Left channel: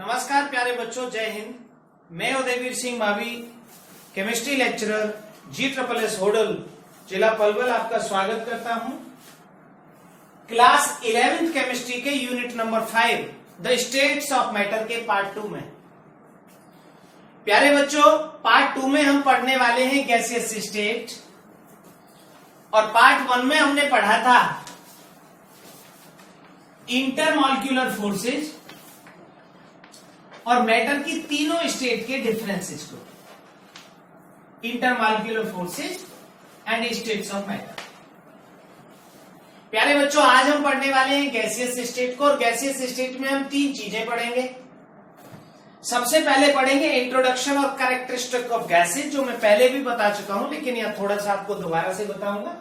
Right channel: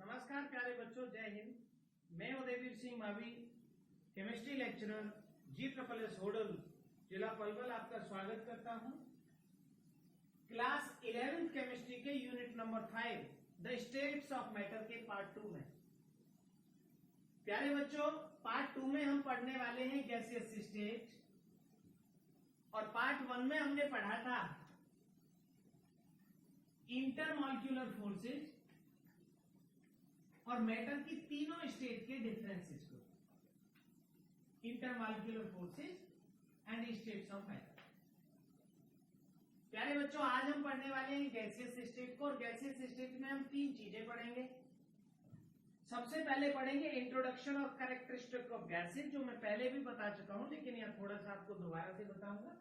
नमस्कार प्यारे बच्चों, जय हिंद। मैं Udayveer Singh Mavi, chemistry lecturer G+S Hodal, जिला पलवल, आपका स्वागत करता हूं। क्लास 11th केमिस्ट्री के unit number 5 the states of matter के पार्ट 2 में। प्यारे बच्चों, पार्ट 2 में हम पढ़ने वाले हैं गैसियस स्टेट, और पार्ट 1 में हमने पढ़ा था इंटरमॉलिक्यूलर फोर्सेज और मैटर की तीनों स्टेट के डिफरेंसेस को, intermolecular forces and states of matter. प्यारे बच्चों, आज हम पढ़ने वाले हैं गैसियस स्टेट को, और गैसियस स्टेट में हम तीन चीजें पढ़ेंगे। सबसे पहले पढ़ेंगे इंट्रोडक्शन और कैरेक्टरिस्टिक ऑफ गैसेज, जो मैं पहले भी बता चुका हूं, लेकिन यहां थोड़ा सा आपको दोबारा से बताऊंगा।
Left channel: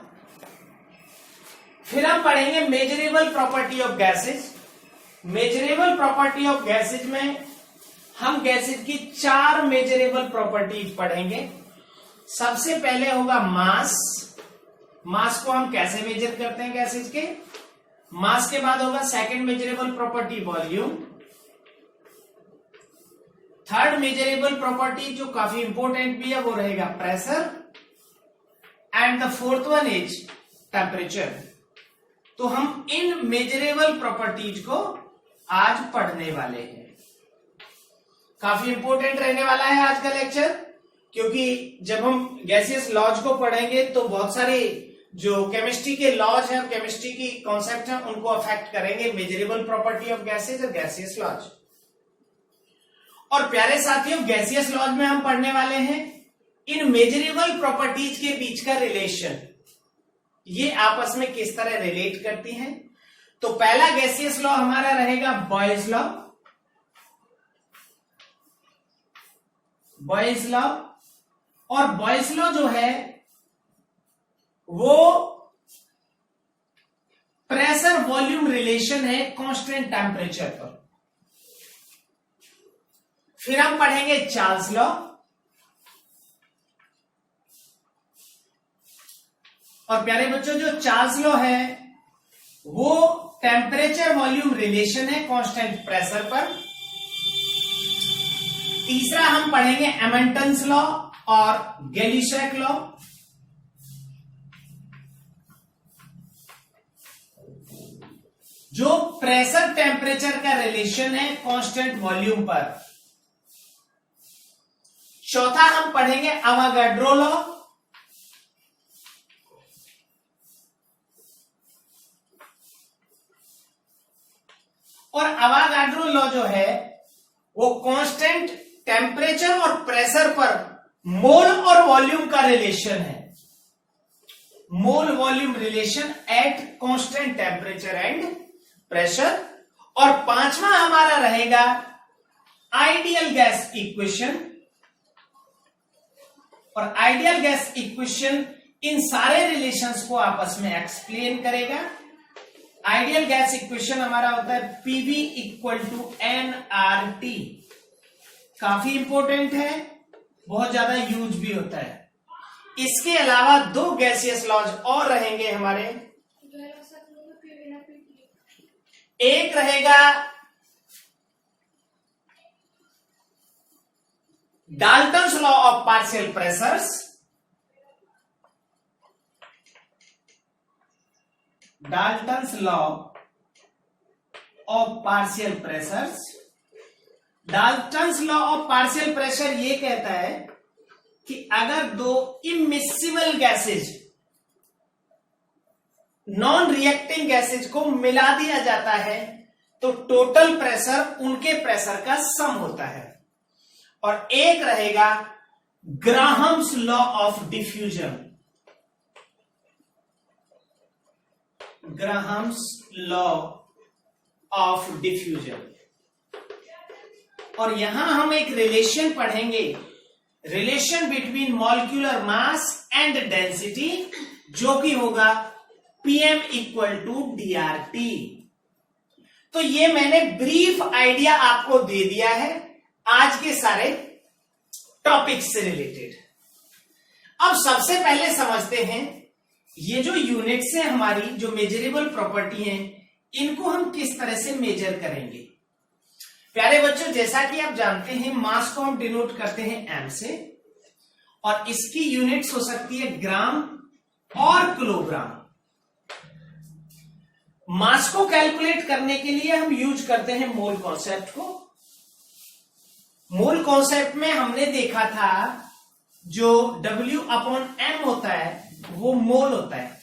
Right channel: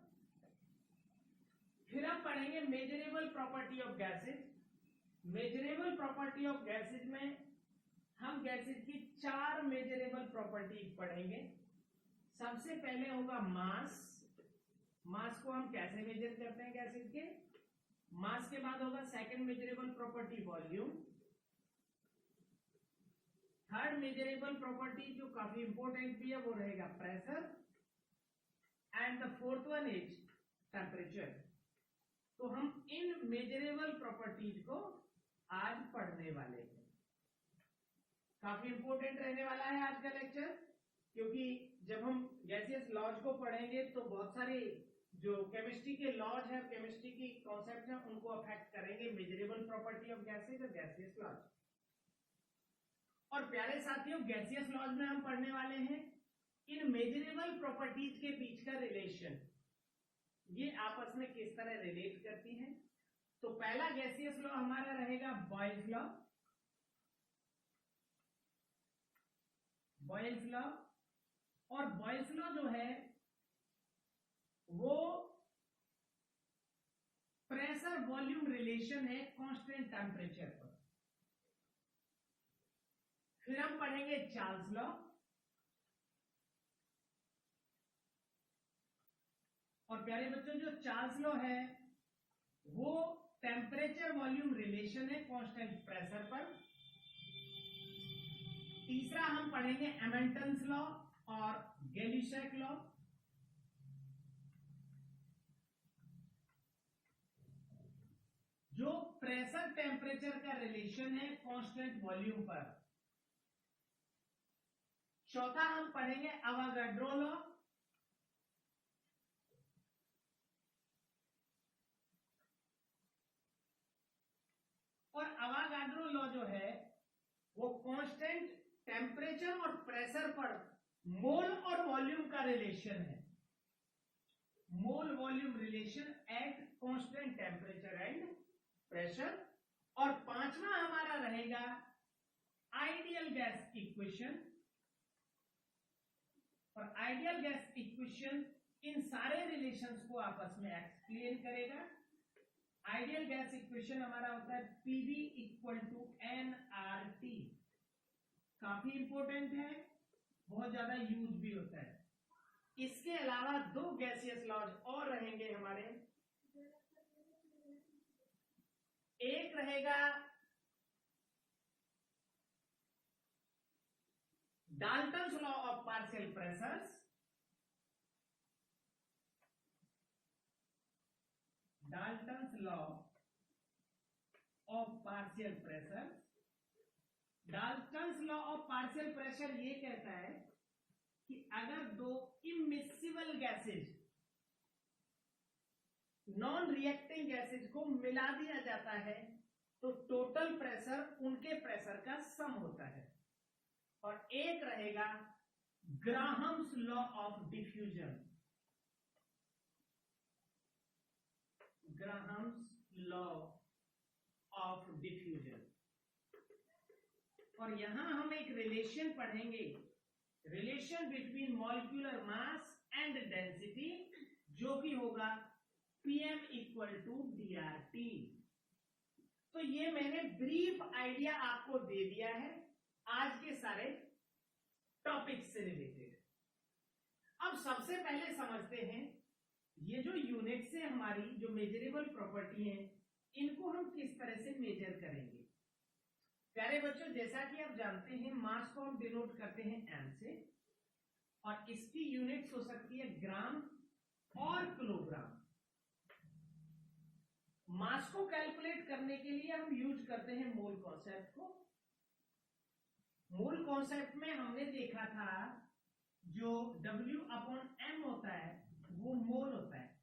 फिर हम पढ़ेंगे measurable property of gases. Measurable property of gases में हम गैसेज की 4 मेजरेबल प्रॉपर्टीज पढ़ेंगे। सबसे पहले होगा मास। मास को हम कैसे मेजर करते हैं गैसेज के। मास के बाद होगा second measurable property volume. Third measurable property जो काफी इंपॉर्टेंट भी है वो रहेगा pressure, and the fourth one is temperature. तो हम इन मेजरेबल प्रॉपर्टीज को आज पढ़ने वाले हैं। काफी इंपॉर्टेंट रहने वाला है आज का लेक्चर, क्योंकि जब हम गैसियस लॉज को पढ़ेंगे तो बहुत सारे जो केमिस्ट्री के लॉज हैं, केमिस्ट्री की कॉन्सेप्ट हैं, उनको अफेक्ट करेंगे मेजरेबल प्रॉपर्टी ऑफ गैसेज और गैसियस लॉज। और प्यारे साथियों, गैसियस लॉज में हम पढ़ने वाले हैं इन मेजरेबल प्रॉपर्टीज के बीच का रिलेशन, ये आपस में किस तरह रिलेट करती हैं। तो पहला गैसियस लॉ हमारा रहेगा बॉयज लॉ। बॉयज लॉ, और बॉयज लॉ जो है वो प्रेशर वॉल्यूम रिलेशन है कांस्टेंट टेम्परेचर पर। फिर हम पढ़ेंगे चार्ल्स लॉ, और प्यारे बच्चों जो चार्ल्स लॉ है वो टेम्परेचर वॉल्यूम रिलेशन है कांस्टेंट प्रेशर पर। तीसरा हम पढ़ेंगे एमंटन्स लॉ और गैली-शॉक लॉ। जो प्रेशर टेम्परेचर का रिलेशन है कांस्टेंट वॉल्यूम पर। चौथा हम पढ़ेंगे अवोगाड्रो लॉ, और अवोगाड्रो लॉ जो है वो कांस्टेंट टेम्परेचर और प्रेशर पर मोल और वॉल्यूम का रिलेशन है। Mole volume relation at constant temperature and pressure. और पांचवा हमारा रहेगा आइडियल गैस इक्वेशन, और आइडियल गैस इक्वेशन इन सारे रिलेशंस को आपस में एक्सप्लेन करेगा। आइडियल गैस इक्वेशन हमारा होता है PV इक्वल टू nRT। काफी इंपॉर्टेंट है, बहुत ज्यादा यूज भी होता है। इसके अलावा 2 गैसियस लॉज और रहेंगे हमारे। एक रहेगा Dalton's law of partial pressures, Dalton's law of partial pressures. Dalton's law of partial pressure ये कहता है कि अगर 2 immiscible gases, non reacting gases को मिला दिया जाता है तो टोटल प्रेशर उनके प्रेशर का सम होता है। और एक रहेगा Graham's law of diffusion, Graham's law of diffusion. और यहां हम एक रिलेशन पढ़ेंगे, relation between molecular mass and density, जो कि होगा PM इक्वल टू DRT। तो ये मैंने ब्रीफ आइडिया आपको दे दिया है आज के सारे टॉपिक से रिलेटेड। अब सबसे पहले समझते हैं ये जो यूनिट्स है हमारी, जो मेजरेबल प्रॉपर्टी हैं, इनको हम किस तरह से मेजर करेंगे। प्यारे बच्चों, जैसा कि आप जानते हैं मास को हम डिनोट करते हैं एम से, और इसकी यूनिट्स हो सकती है ग्राम और किलोग्राम। मास को कैलकुलेट करने के लिए हम यूज करते हैं मोल कॉन्सेप्ट को। मोल कॉन्सेप्ट में हमने देखा था जो W अपॉन M होता है वो मोल होता है,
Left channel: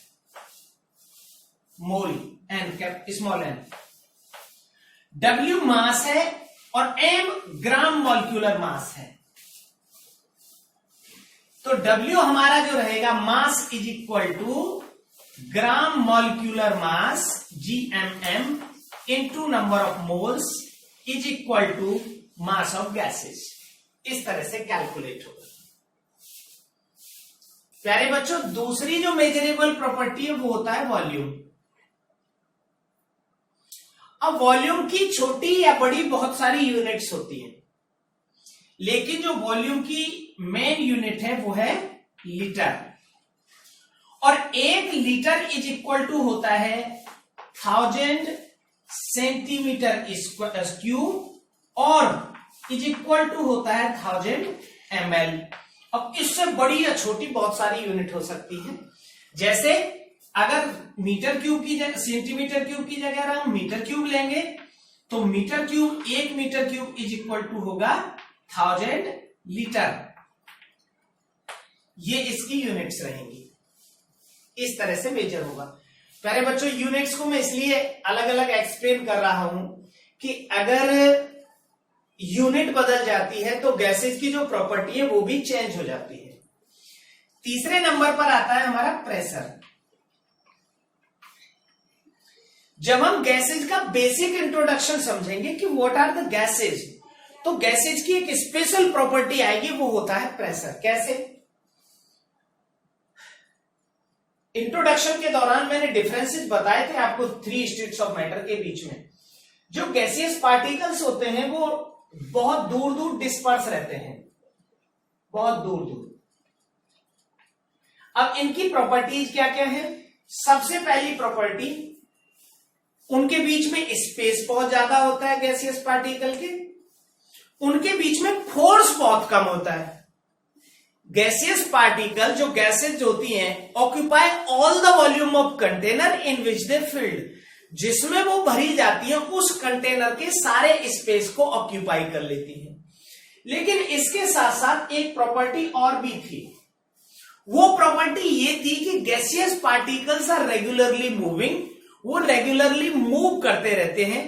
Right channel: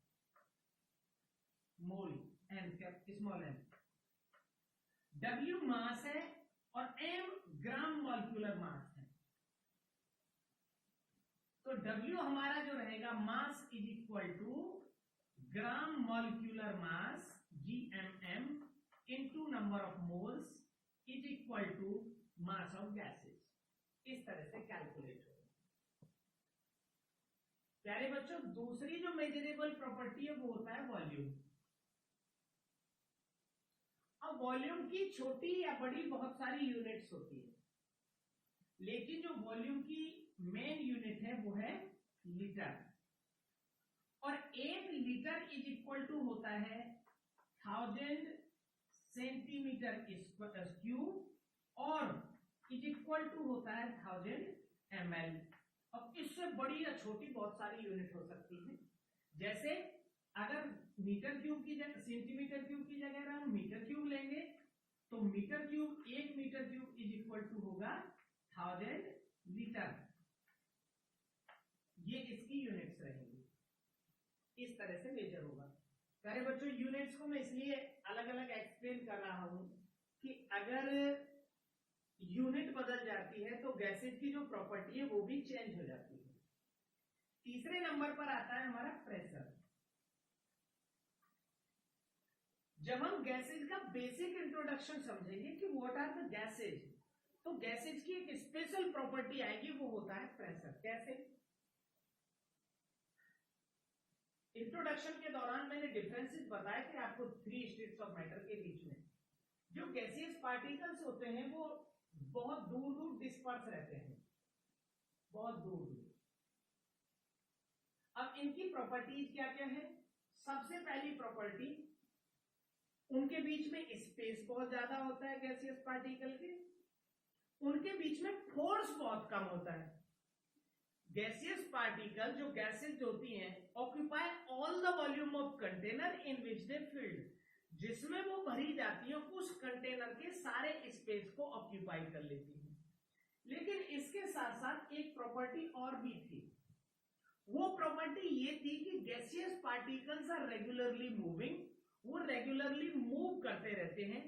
mole N cap small N. W mass है और M ग्राम मॉलिक्यूलर मास है। तो W हमारा जो रहेगा mass is equal to gram molecular mass GMM into number of moles is equal to mass of gases. इस तरह से कैलकुलेट होगा। प्यारे बच्चों, दूसरी जो मेजरेबल प्रॉपर्टी है वो होता है वॉल्यूम। अब वॉल्यूम की छोटी या बड़ी बहुत सारी यूनिट्स होती हैं, लेकिन जो वॉल्यूम की मेन यूनिट है वो है लीटर, और 1 लीटर इज इक्वल टू होता है 1000 सेंटीमीटर क्यूब और इज इक्वल टू होता है 1000 ml। अब इससे बड़ी या छोटी बहुत सारी यूनिट हो सकती है, जैसे अगर मीटर क्यूब की जगह सेंटीमीटर क्यूब की जगह हम मीटर क्यूब लेंगे तो metre cube 1 metre cube is equal to होगा 1000 लीटर। ये इसकी यूनिट्स रहेंगी, इस तरह से मेजर होगा। प्यारे बच्चों, यूनिट्स को मैं इसलिए अलग अलग एक्सप्लेन कर रहा हूं कि अगर यूनिट बदल जाती है तो गैसेज की जो प्रॉपर्टी है वो भी चेंज हो जाती है। तीसरे नंबर पर आता है हमारा प्रेशर। जब हम गैसेज का बेसिक इंट्रोडक्शन समझेंगे कि व्हाट आर द गैसेज, तो गैसेज की एक स्पेशल प्रॉपर्टी आएगी, वो होता है प्रेशर। कैसे? इंट्रोडक्शन के दौरान मैंने डिफरेंसेस बताए थे आपको 3 स्टेट्स ऑफ मैटर के बीच में। जो गैसियस पार्टिकल्स होते हैं वो बहुत दूर दूर डिस्पर्स रहते हैं, बहुत दूर दूर। अब इनकी प्रॉपर्टीज क्या क्या है? सबसे पहली प्रॉपर्टी, उनके बीच में स्पेस बहुत ज्यादा होता है गैसियस पार्टिकल के, उनके बीच में फोर्स बहुत कम होता है। गैसियस पार्टिकल जो गैसेज होती हैं occupy all the volume of container in which they field, जिसमें वो भरी जाती है उस कंटेनर के सारे स्पेस को ऑक्यूपाई कर लेती है। लेकिन इसके साथ साथ एक प्रॉपर्टी और भी थी। वो प्रॉपर्टी ये थी कि gaseous particles are regularly moving, वो रेगुलरली मूव करते रहते हैं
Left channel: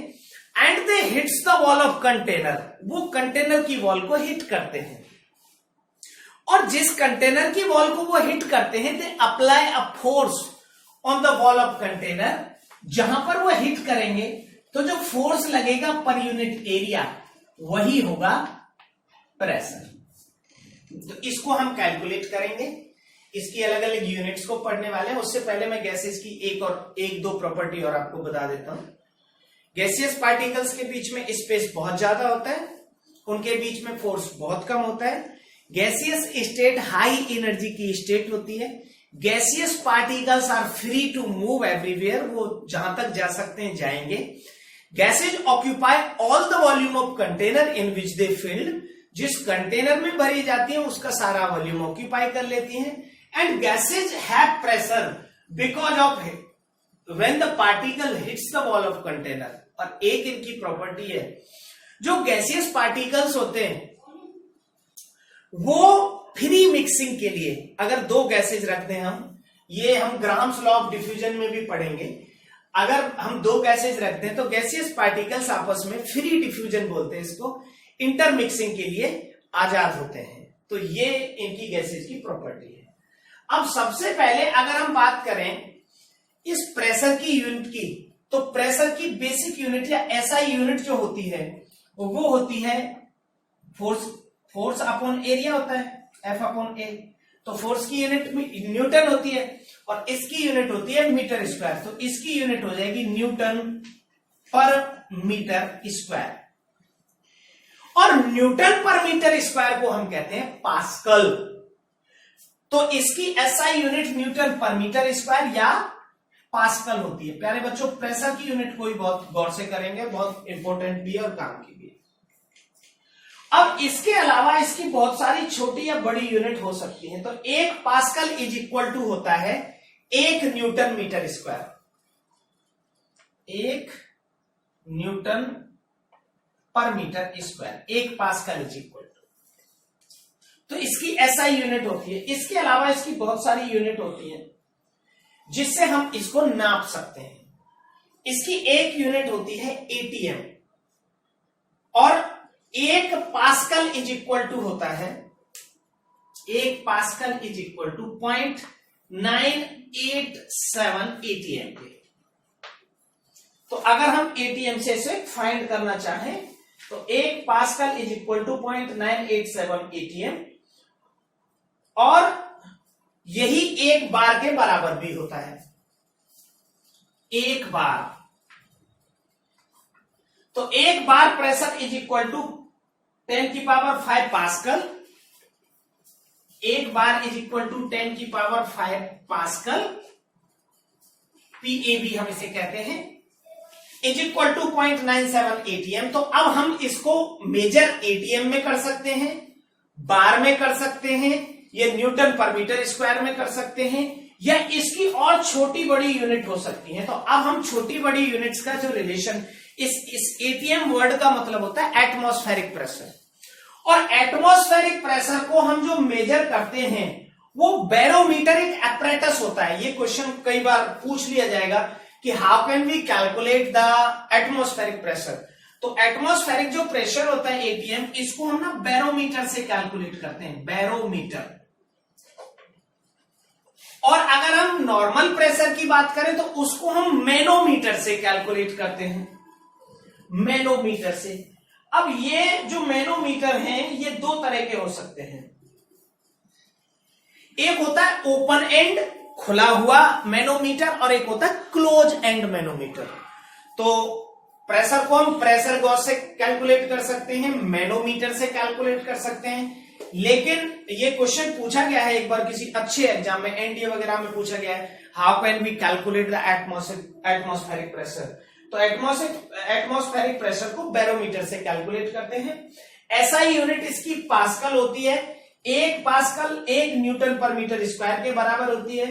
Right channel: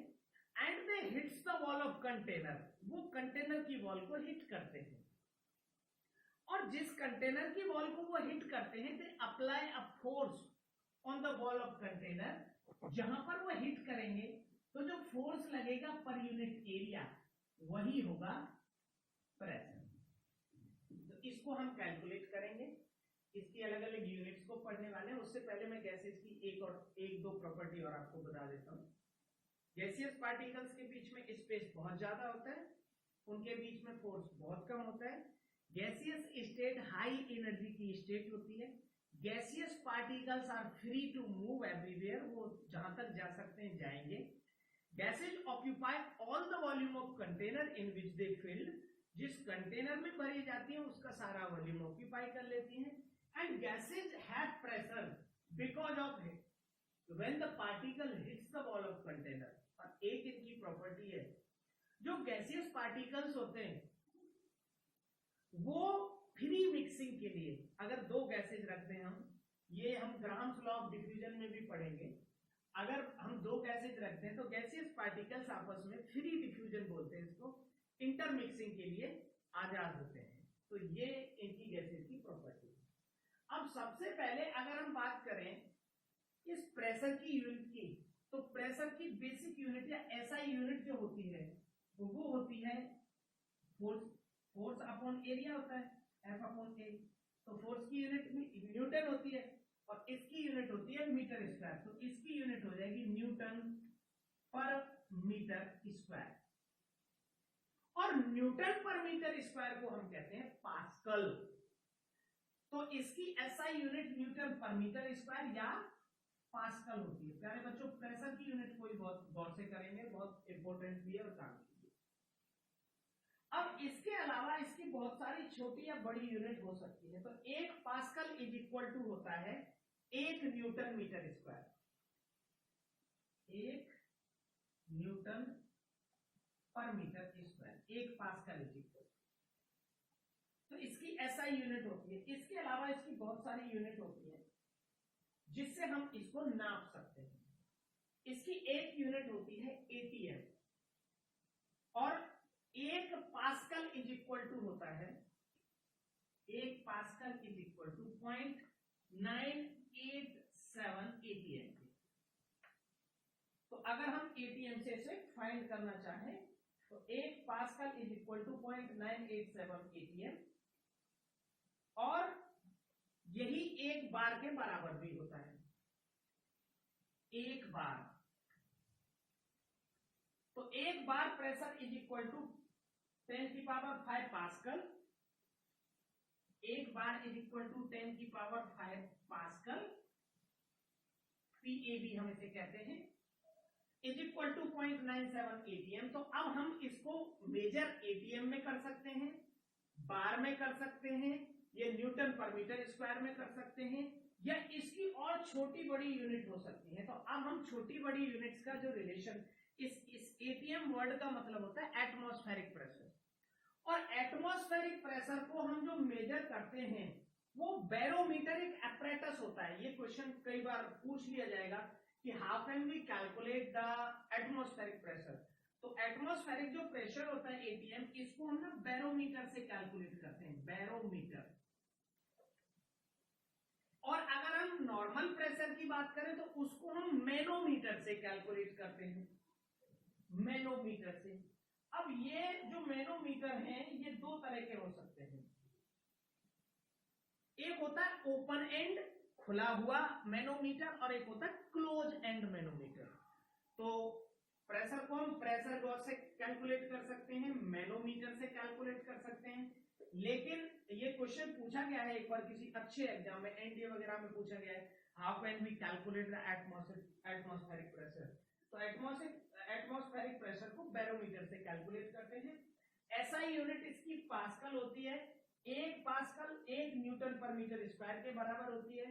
and they hits the wall of container, वो कंटेनर की वॉल को हिट करते हैं, और जिस कंटेनर की वॉल को वो हिट करते हैं they apply a force on the wall of container. जहां पर वो हिट करेंगे तो जो फोर्स लगेगा पर यूनिट एरिया वही होगा प्रेशर। तो इसको हम कैलकुलेट करेंगे, इसकी अलग अलग यूनिट्स को पढ़ने वाले हैं। उससे पहले मैं गैसेस की एक दो प्रॉपर्टी और आपको बता देता हूं। गैसियस पार्टिकल्स के बीच में स्पेस बहुत ज्यादा होता है, उनके बीच में फोर्स बहुत कम होता है। गैसियस स्टेट हाई एनर्जी की स्टेट होती है। Gaseous particles are free to move everywhere, वो जहां तक जा सकते हैं जाएंगे। Gases occupy all the volume of container in which they filled, जिस कंटेनर में भरी जाती है उसका सारा वॉल्यूम ऑक्यूपाई कर लेती हैं। And gases have pressure because of when the particle hits the wall of container. और एक इनकी प्रॉपर्टी है, जो गैसियस पार्टिकल्स होते हैं वो फ्री मिक्सिंग के लिए, अगर दो गैसेज रखते हैं हम, ये हम ग्राम्स लॉ ऑफ डिफ्यूजन में भी पढ़ेंगे, अगर हम दो गैसेज रखते हैं तो गैसियस पार्टिकल्स आपस में फ्री डिफ्यूजन बोलते हैं इसको, इंटरमिक्सिंग के लिए आजाद होते हैं। तो ये इनकी गैसेज की प्रॉपर्टी है। अब सबसे पहले अगर हम बात करें इस प्रेशर की यूनिट की, तो प्रेशर की बेसिक यूनिट या एसआई यूनिट जो होती है वो होती है फोर्स अपॉन एरिया होता है, F अपॉन ए। तो फोर्स की यूनिट न्यूटन होती है और इसकी यूनिट होती है मीटर स्क्वायर। तो इसकी यूनिट हो जाएगी न्यूटन पर मीटर स्क्वायर, और न्यूटन पर मीटर स्क्वायर को हम कहते हैं पास्कल। तो इसकी एसआई यूनिट न्यूटन पर मीटर स्क्वायर या पास्कल होती है। प्यारे बच्चों, प्रेशर की यूनिट को भी बहुत गौर से करेंगे, बहुत इंपॉर्टेंट भी है और काम की भी है। अब इसके अलावा इसकी बहुत सारी छोटी या बड़ी यूनिट हो सकती है। तो 1 पास्कल इज इक्वल टू होता है 1 न्यूटन मीटर स्क्वायर। 1 न्यूटन पर metre square 1 pascal is equal to, तो इसकी एसआई यूनिट होती है। इसके अलावा इसकी बहुत सारी यूनिट होती है जिससे हम इसको नाप सकते हैं। इसकी एक यूनिट होती है एटीएम, और 1 पास्कल इज इक्वल टू होता है 1 pascal is equal to 0.987 ATM के। तो अगर हम एटीएम से इसे फाइंड करना चाहें तो 1 pascal is equal to 0.987 ATM, और यही 1 बार के बराबर भी होता है। 1 बार, तो 1 bar pressure is equal to 10⁵ pascal. 1 bar is equal to 10⁵ pascal, PAB हम इसे कहते हैं, इज इक्वल टू 0.97 एटीएम। तो अब हम इसको मेजर एटीएम में कर सकते हैं, बार में कर सकते हैं, ये न्यूटन पर मीटर स्क्वायर में कर सकते हैं, या इसकी और छोटी बड़ी यूनिट हो सकती है। तो अब हम छोटी बड़ी यूनिट्स का जो रिलेशन, इस एटीएम वर्ड का मतलब होता है एटमॉस्फेरिक प्रेशर, और एटमॉस्फेरिक प्रेशर को हम जो मेजर करते हैं वो बैरोमीटर एक एपरेटस होता है। ये क्वेश्चन कई बार पूछ लिया जाएगा कि how can we calculate the atmospheric pressure. तो एटमॉस्फेरिक जो प्रेशर होता है एटीएम, इसको हम ना बैरोमीटर से कैलकुलेट करते हैं, बैरोमीटर। और अगर हम नॉर्मल प्रेशर की बात करें तो उसको हम मैनोमीटर से कैलकुलेट करते हैं, मैनोमीटर से। अब ये जो मैनोमीटर हैं ये 2 तरह के हो सकते हैं। एक होता है ओपन एंड, खुला हुआ मैनोमीटर, और एक होता है क्लोज एंड मैनोमीटर। तो प्रेशर को हम प्रेशर गॉज से कैलकुलेट कर सकते हैं, मैनोमीटर से कैलकुलेट कर सकते हैं। लेकिन ये क्वेश्चन पूछा गया है एक बार किसी अच्छे एग्जाम में, एनडीए वगैरह में पूछा गया है, how can we calculate the atmospheric pressure. तो एटमॉस्फेरिक प्रेशर को बैरोमीटर से कैलकुलेट करते हैं। एसआई यूनिट इसकी पास्कल होती है। 1 पास्कल 1 न्यूटन पर मीटर स्क्वायर के बराबर होती है,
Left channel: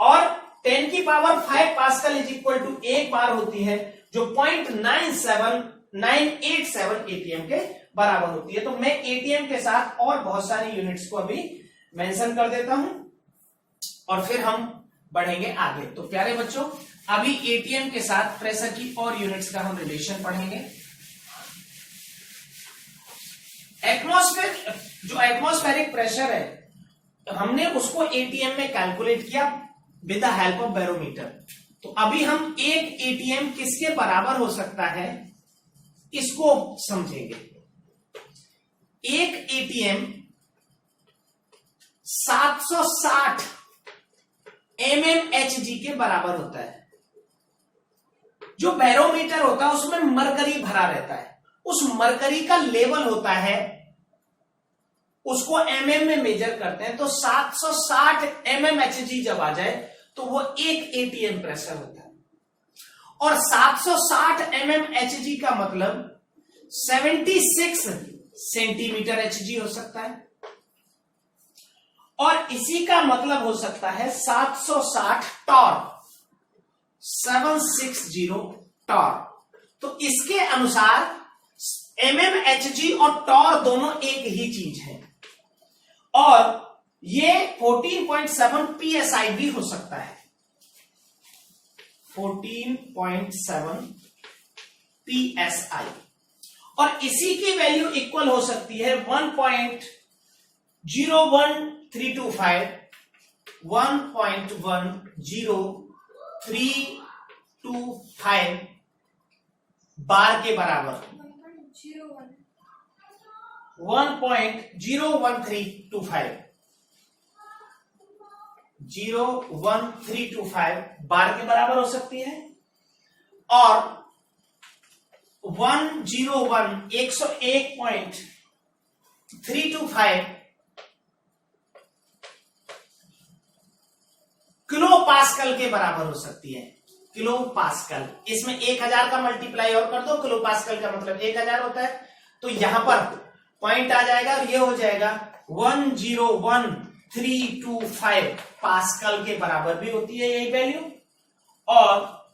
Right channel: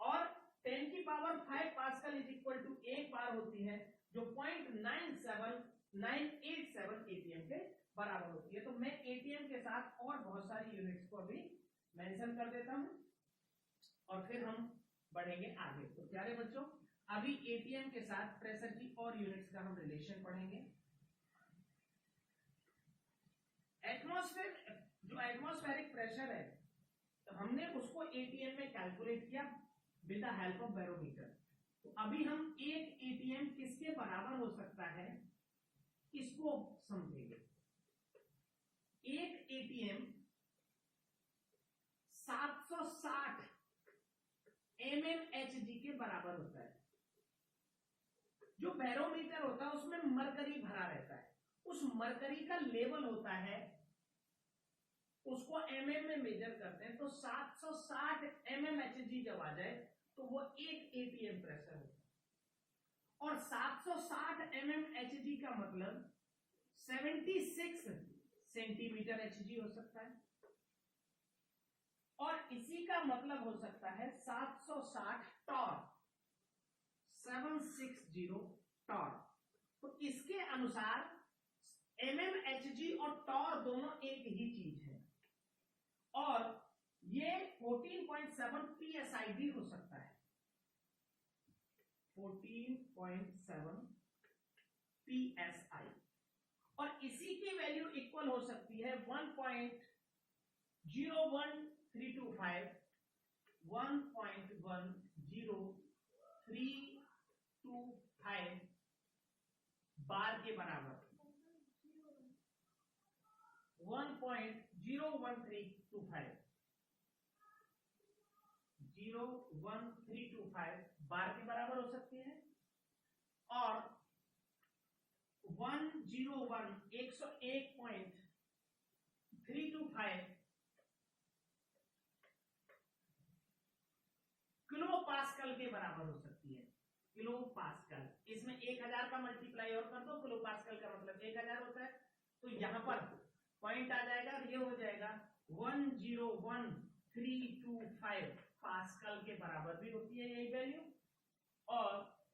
और 10⁵ pascal is equal to 1 bar होती है, जो 0.987 एटीएम के बराबर होती है। तो मैं एटीएम के साथ और बहुत सारी यूनिट्स को अभी मेंशन कर देता हूं, और फिर हम बढ़ेंगे आगे। तो प्यारे बच्चों, अभी एटीएम के साथ प्रेशर की और यूनिट्स का हम रिलेशन पढ़ेंगे। जो एटमॉस्फेरिक प्रेशर है, हमने उसको एटीएम में कैलकुलेट किया with the help of barometer. तो अभी हम एक एटीएम किसके बराबर हो सकता है इसको समझेंगे। एक एटीएम 760 mmHg के बराबर होता है। जो बैरोमीटर होता है उसमें मरकरी भरा रहता है, उस मरकरी का लेवल होता है, उसको mm में मेजर करते हैं। तो 760 mmHg जब आ जाए तो वो एक एटीएम प्रेशर होता है, और 760 mmHg का मतलब 76 सेंटीमीटर Hg हो सकता है, और इसी का मतलब हो सकता है 760 टॉर्क, 760 टॉर्क। तो इसके अनुसार mmHg और टॉर्क दोनों एक ही चीज है, और ये 14.7 psi भी हो सकता है, 14.7 psi, और इसी की वैल्यू इक्वल हो सकती है 1.01325 1.10325 बार के बराबर, 1.01325 बार के बराबर हो सकती है, और 101.325 किलो पास्कल के बराबर हो सकती है। किलो पास्कल, इसमें 1000 का मल्टीप्लाई और कर दो, किलो पास्कल का मतलब 1000 होता है। तो यहां पर पॉइंट आ जाएगा और ये हो जाएगा 101,325 पास्कल के बराबर भी होती है यही वैल्यू, और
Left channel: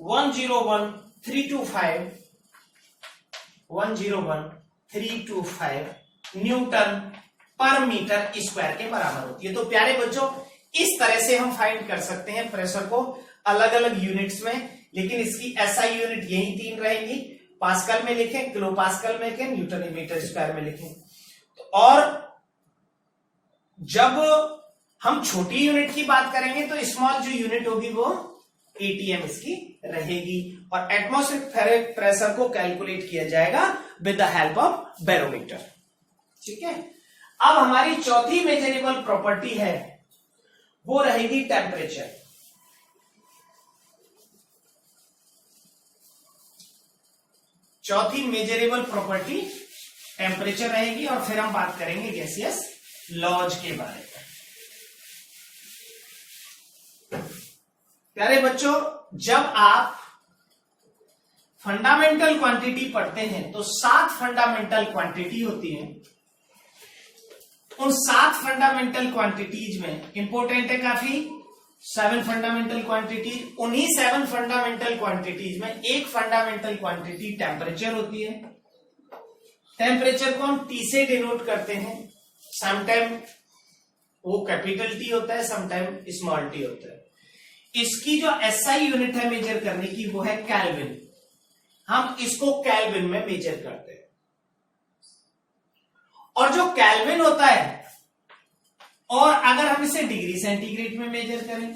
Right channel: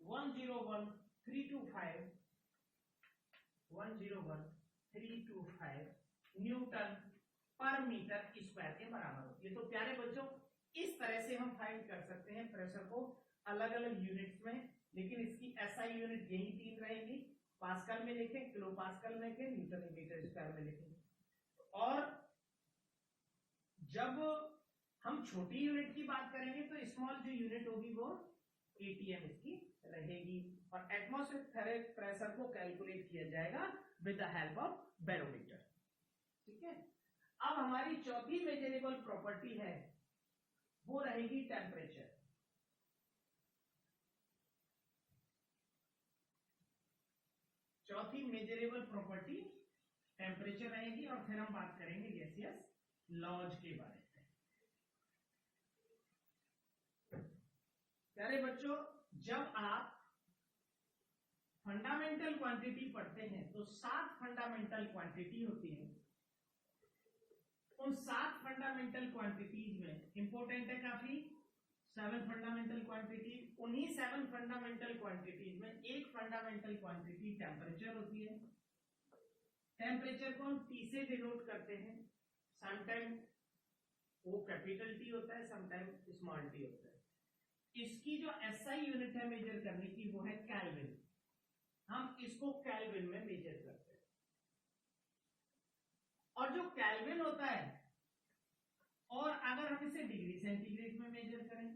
101,325 न्यूटन पर मीटर स्क्वायर के बराबर होती है। तो प्यारे बच्चों, इस तरह से हम फाइंड कर सकते हैं प्रेशर को अलग अलग यूनिट्स में, लेकिन इसकी एसआई यूनिट यही 3 रहेंगी। पास्कल में लिखें, किलो पास्कल में लिखें, न्यूटन मीटर स्क्वायर में लिखें। और जब हम छोटी यूनिट की बात करेंगे तो स्मॉल जो यूनिट होगी वो एटीएम इसकी रहेगी, और एटमॉस्फेरिक प्रेशर को कैलकुलेट किया जाएगा with the help of barometer. ठीक है, अब हमारी चौथी मेजरेबल प्रॉपर्टी है वो रहेगी टेम्परेचर। चौथी मेजरेबल प्रॉपर्टी टेम्परेचर रहेगी, और फिर हम बात करेंगे गैसियस लॉज के बारे में। प्यारे बच्चों, जब आप फंडामेंटल क्वांटिटी पढ़ते हैं तो 7 फंडामेंटल क्वांटिटी होती हैं। उन 7 फंडामेंटल क्वांटिटीज में इंपॉर्टेंट है काफी 7 फंडामेंटल क्वांटिटीज। उन्हीं 7 फंडामेंटल क्वांटिटीज में एक फंडामेंटल क्वांटिटी टेम्परेचर होती है। टेम्परेचर को हम टी से डिनोट करते हैं। समटाइम वो कैपिटल टी होता है, समटाइम स्मॉल टी होता है। इसकी जो एसआई यूनिट है मेजर करने की वो है केल्विन। हम इसको केल्विन में मेजर करते हैं, और जो केल्विन होता है, और अगर हम इसे डिग्री सेंटीग्रेड में मेजर करें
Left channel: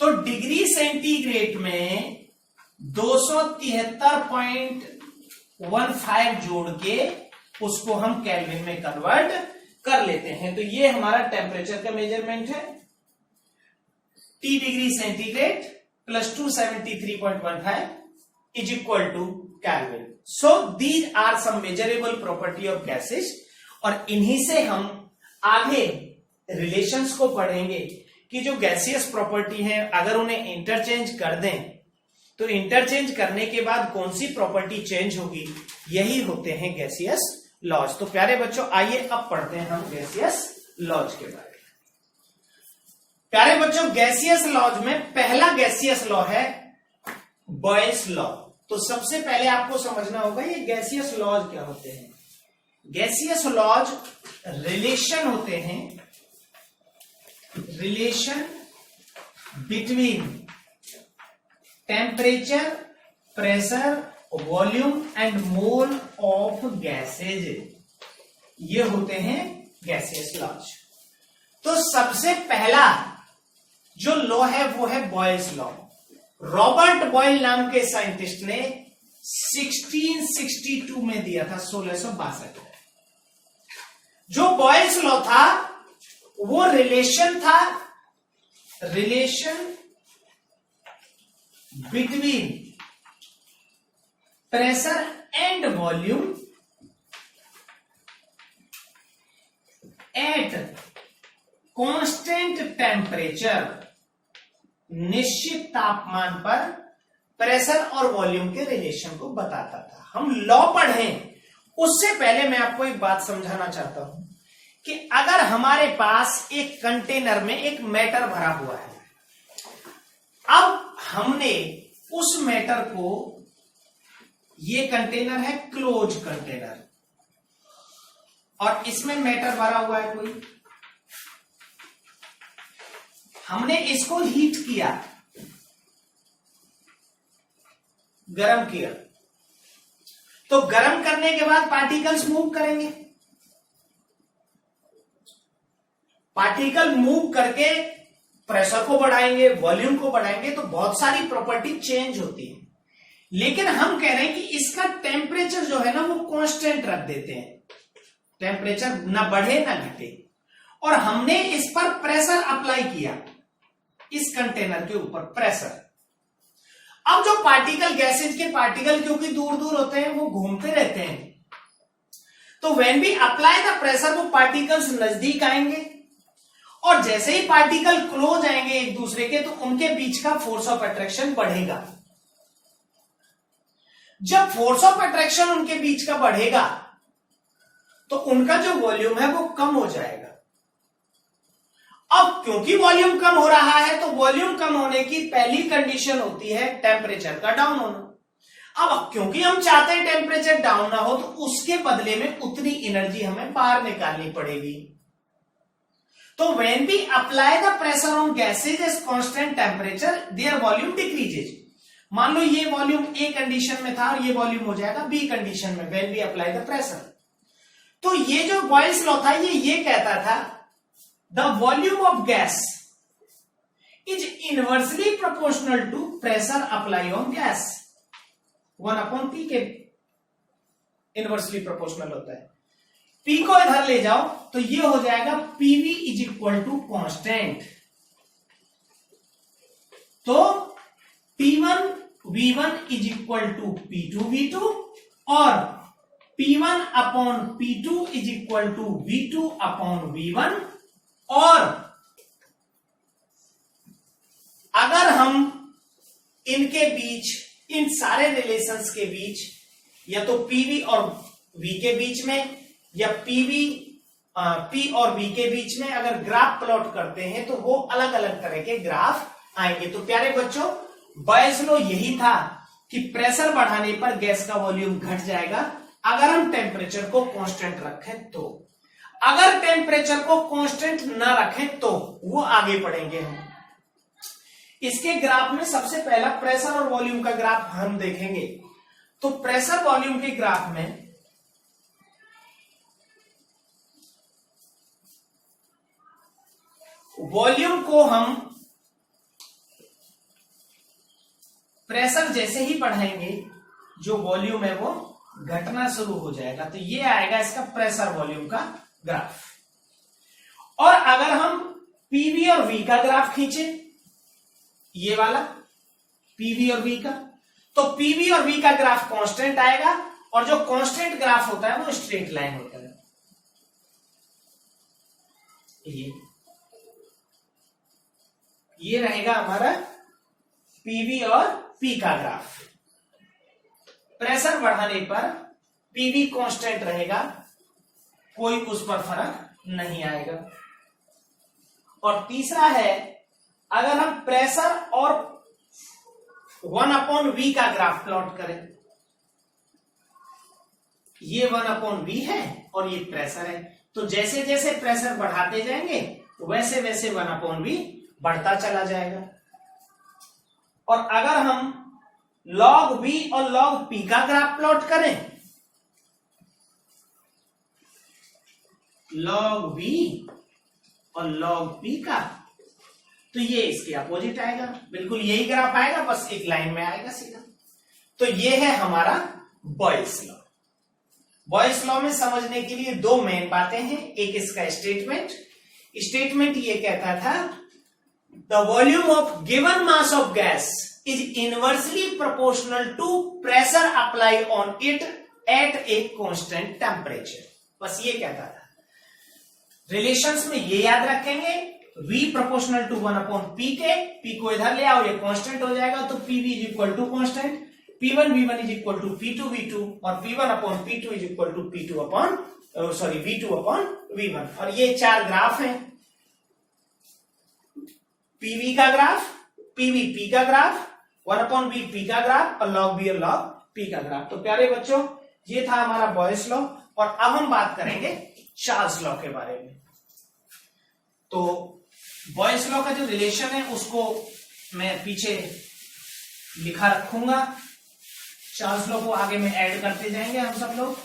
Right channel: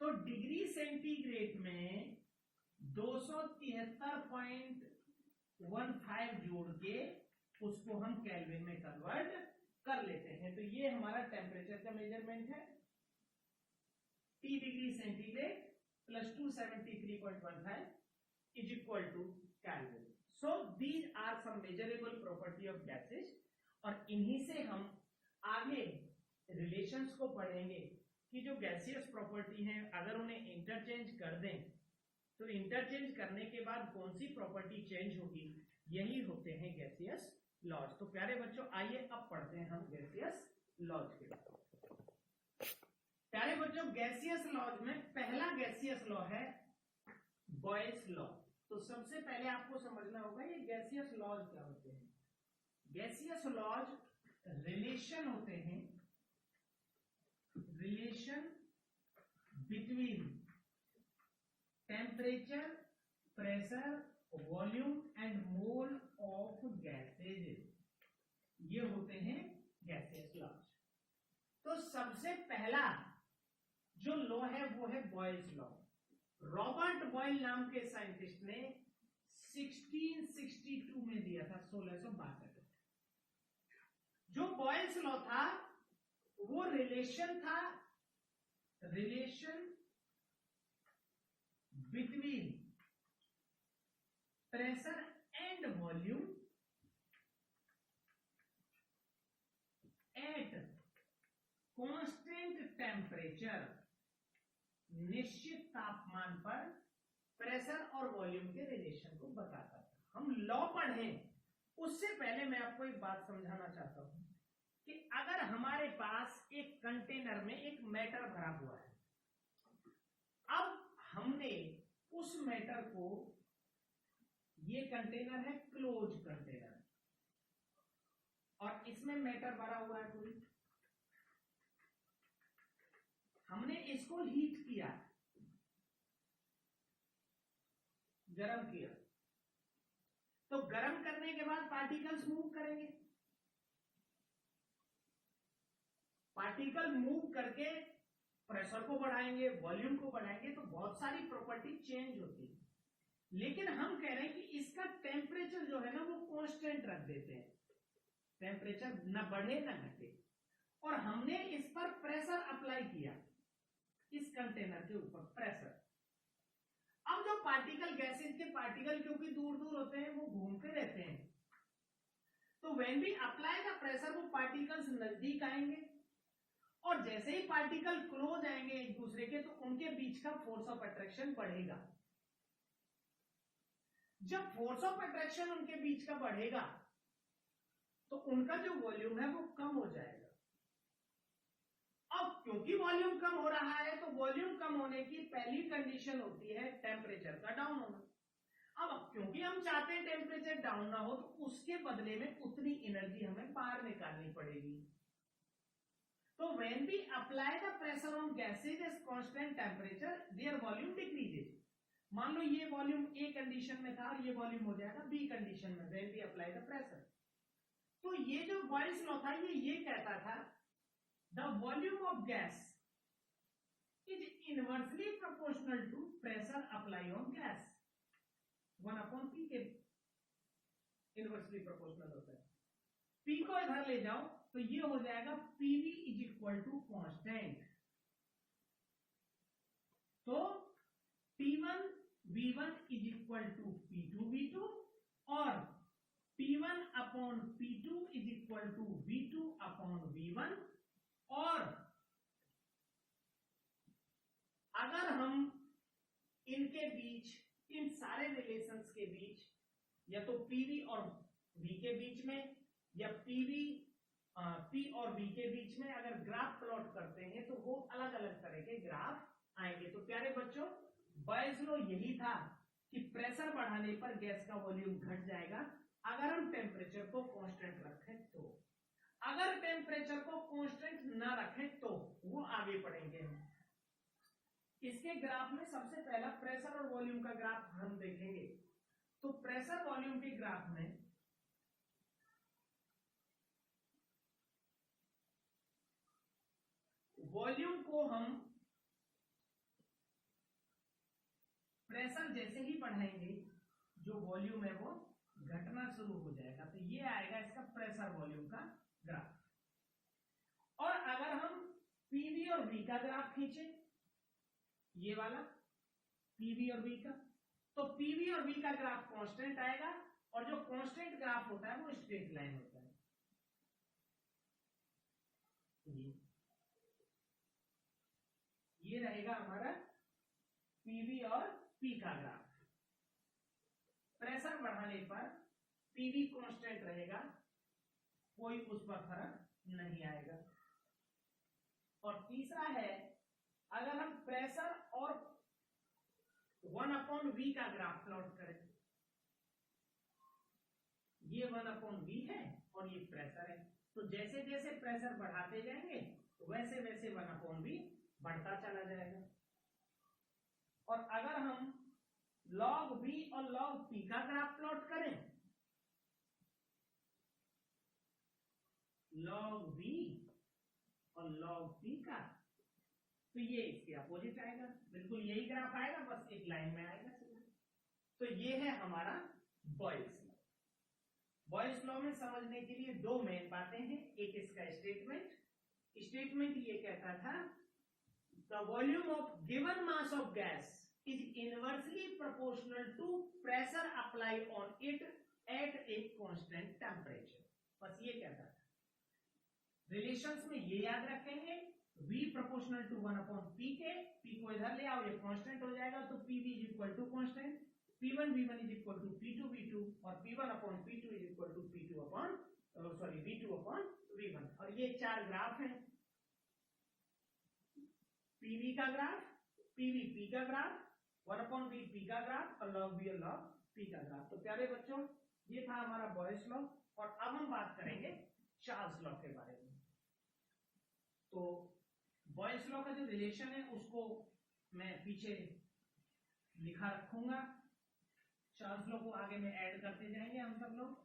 तो डिग्री सेंटीग्रेड में 273.15 जोड़ के उसको हम केल्विन में कन्वर्ट कर लेते हैं। तो ये हमारा टेम्परेचर का मेजरमेंट है। T degree centigrade plus 273.15 is equal to kelvin. So these are some measurable property of gases, और इन्हीं से हम आगे रिलेशंस को पढ़ेंगे कि जो गैसियस प्रॉपर्टी है अगर उन्हें इंटरचेंज कर दें तो इंटरचेंज करने के बाद कौन सी प्रॉपर्टी चेंज होगी, यही होते हैं गैसियस लॉज। तो प्यारे बच्चों, आइए अब पढ़ते हैं हम गैसियस लॉज के बारे में। प्यारे बच्चों, गैसियस लॉज में पहला गैसियस लॉ है बॉयल्स लॉ। तो सबसे पहले आपको समझना होगा ये गैसियस लॉज क्या होते हैं। गैसियस लॉज रिलेशन होते हैं, relation between temperature, pressure, volume and mole of gases, ये होते हैं गैसियस लॉज। तो सबसे पहला जो लॉ है वो है बॉयल्स लॉ। रॉबर्ट बॉयल नाम के साइंटिस्ट ने 1662 में दिया था, 1662। जो बॉयल्स लॉ था वो रिलेशन था, relation between pressure and volume at constant temperature. निश्चित तापमान पर प्रेशर और वॉल्यूम के रिलेशन को बताता था। हम लॉ पढ़ें उससे पहले मैं आपको एक बात समझाना चाहता हूं कि अगर हमारे पास एक कंटेनर में एक मैटर भरा हुआ है, अब हमने उस मैटर को, ये कंटेनर है क्लोज कंटेनर, और इसमें मैटर भरा हुआ है कोई, हमने इसको हीट किया, गरम किया, तो गरम करने के बाद पार्टिकल्स मूव करेंगे। पार्टिकल मूव करके प्रेशर को बढ़ाएंगे, वॉल्यूम को बढ़ाएंगे, तो बहुत सारी प्रॉपर्टी चेंज होती है। लेकिन हम कह रहे हैं कि इसका टेम्परेचर जो है ना वो कांस्टेंट रख देते हैं, टेम्परेचर ना बढ़े ना घटे, और हमने इस पर प्रेशर अप्लाई किया, इस कंटेनर के ऊपर प्रेशर। अब जो पार्टिकल, गैसेज के पार्टिकल क्योंकि दूर दूर होते हैं, वो घूमते रहते हैं, तो when we apply the pressure वो पार्टिकल्स नजदीक आएंगे, और जैसे ही पार्टिकल क्लोज आएंगे एक दूसरे के, तो उनके बीच का फोर्स ऑफ अट्रैक्शन बढ़ेगा। जब फोर्स ऑफ अट्रैक्शन उनके बीच का बढ़ेगा तो उनका जो वॉल्यूम है वो कम हो जाएगा। अब क्योंकि वॉल्यूम कम हो रहा है तो वॉल्यूम कम होने की पहली कंडीशन होती है टेम्परेचर का डाउन होना। अब क्योंकि हम चाहते हैं टेम्परेचर डाउन ना हो तो उसके बदले में उतनी एनर्जी हमें बाहर निकालनी पड़ेगी। तो when we apply the pressure on gases at constant temperature their volume decreases। मान लो ये वॉल्यूम ए कंडीशन में था और ये वॉल्यूम हो जाएगा बी कंडीशन में when we apply the pressure। तो ये जो बॉयल्स लॉ था ये कहता था the volume of gas is inversely proportional to pressure applied on gas। 1/P के इनवर्सली प्रोपोर्शनल होता है। P को इधर ले जाओ तो ये हो जाएगा PV is equal to constant. तो P1 V1 is equal to P2 V2 और P1 upon P2 is equal to V2 upon V1। और अगर हम इनके बीच इन सारे रिलेशंस के बीच या तो PV और V के बीच में या P और V के बीच में अगर ग्राफ प्लॉट करते हैं तो वो अलग अलग तरह के ग्राफ आएंगे। तो प्यारे बच्चों बॉयल्स लॉ यही था कि प्रेशर बढ़ाने पर गैस का वॉल्यूम घट जाएगा अगर हम टेम्परेचर को कांस्टेंट रखें तो। अगर टेम्परेचर को कांस्टेंट ना रखें तो वो आगे बढ़ेंगे हम। इसके ग्राफ में सबसे पहला प्रेशर और वॉल्यूम का ग्राफ हम देखेंगे। तो प्रेशर वॉल्यूम के ग्राफ में वॉल्यूम को हम प्रेशर जैसे ही बढ़ाएंगे जो वॉल्यूम है वो घटना शुरू हो जाएगा। तो ये आएगा इसका प्रेशर वॉल्यूम का ग्राफ। और अगर हम पीवी और वी का ग्राफ खींचे ये वाला पीवी और वी का तो पीवी और वी का ग्राफ कांस्टेंट आएगा और जो कांस्टेंट ग्राफ होता है वो स्ट्रेट लाइन होता है। ये रहेगा हमारा पीवी और पी का ग्राफ। प्रेशर बढ़ाने पर पीवी कांस्टेंट रहेगा, कोई उस पर फर्क नहीं आएगा। और तीसरा है अगर हम प्रेशर और 1/V का ग्राफ प्लॉट करें, ये 1/V है और ये प्रेशर है, तो जैसे जैसे प्रेशर बढ़ाते जाएंगे वैसे वैसे 1/V बढ़ता चला जाएगा। और अगर हम log V और log P का ग्राफ प्लॉट करें, log V और log P का, तो ये इसके अपोजिट आएगा, बिल्कुल यही ग्राफ आएगा, बस एक लाइन में आएगा सीधा। तो ये है हमारा बॉयल्स लॉ। बॉयल्स लॉ में समझने के लिए दो मेन बातें हैं। एक इसका स्टेटमेंट ये कहता था the volume of given mass of gas is inversely proportional to pressure apply on it at a constant temperature. बस ये कहता था। रिलेशंस में ये याद रखेंगे, V प्रोपोर्शनल टू 1/P के, P को इधर ले आओ, ये कांस्टेंट हो जाएगा, तो PV is equal to constant, P1 V1 is equal to P2 V2 और P1/P2 is equal to V2/V1। और ये चार ग्राफ हैं, PV का ग्राफ, PVP का ग्राफ, 1/VP का ग्राफ और log V और log P का ग्राफ। तो प्यारे बच्चों ये था हमारा बॉयल्स लॉ। और अब हम बात करेंगे चार्ल्स लॉ के बारे में। तो बॉयल्स लॉ का जो रिलेशन है उसको मैं पीछे लिखा रखूंगा, चार्ल्स लॉ को आगे में ऐड करते जाएंगे हम सब लोग।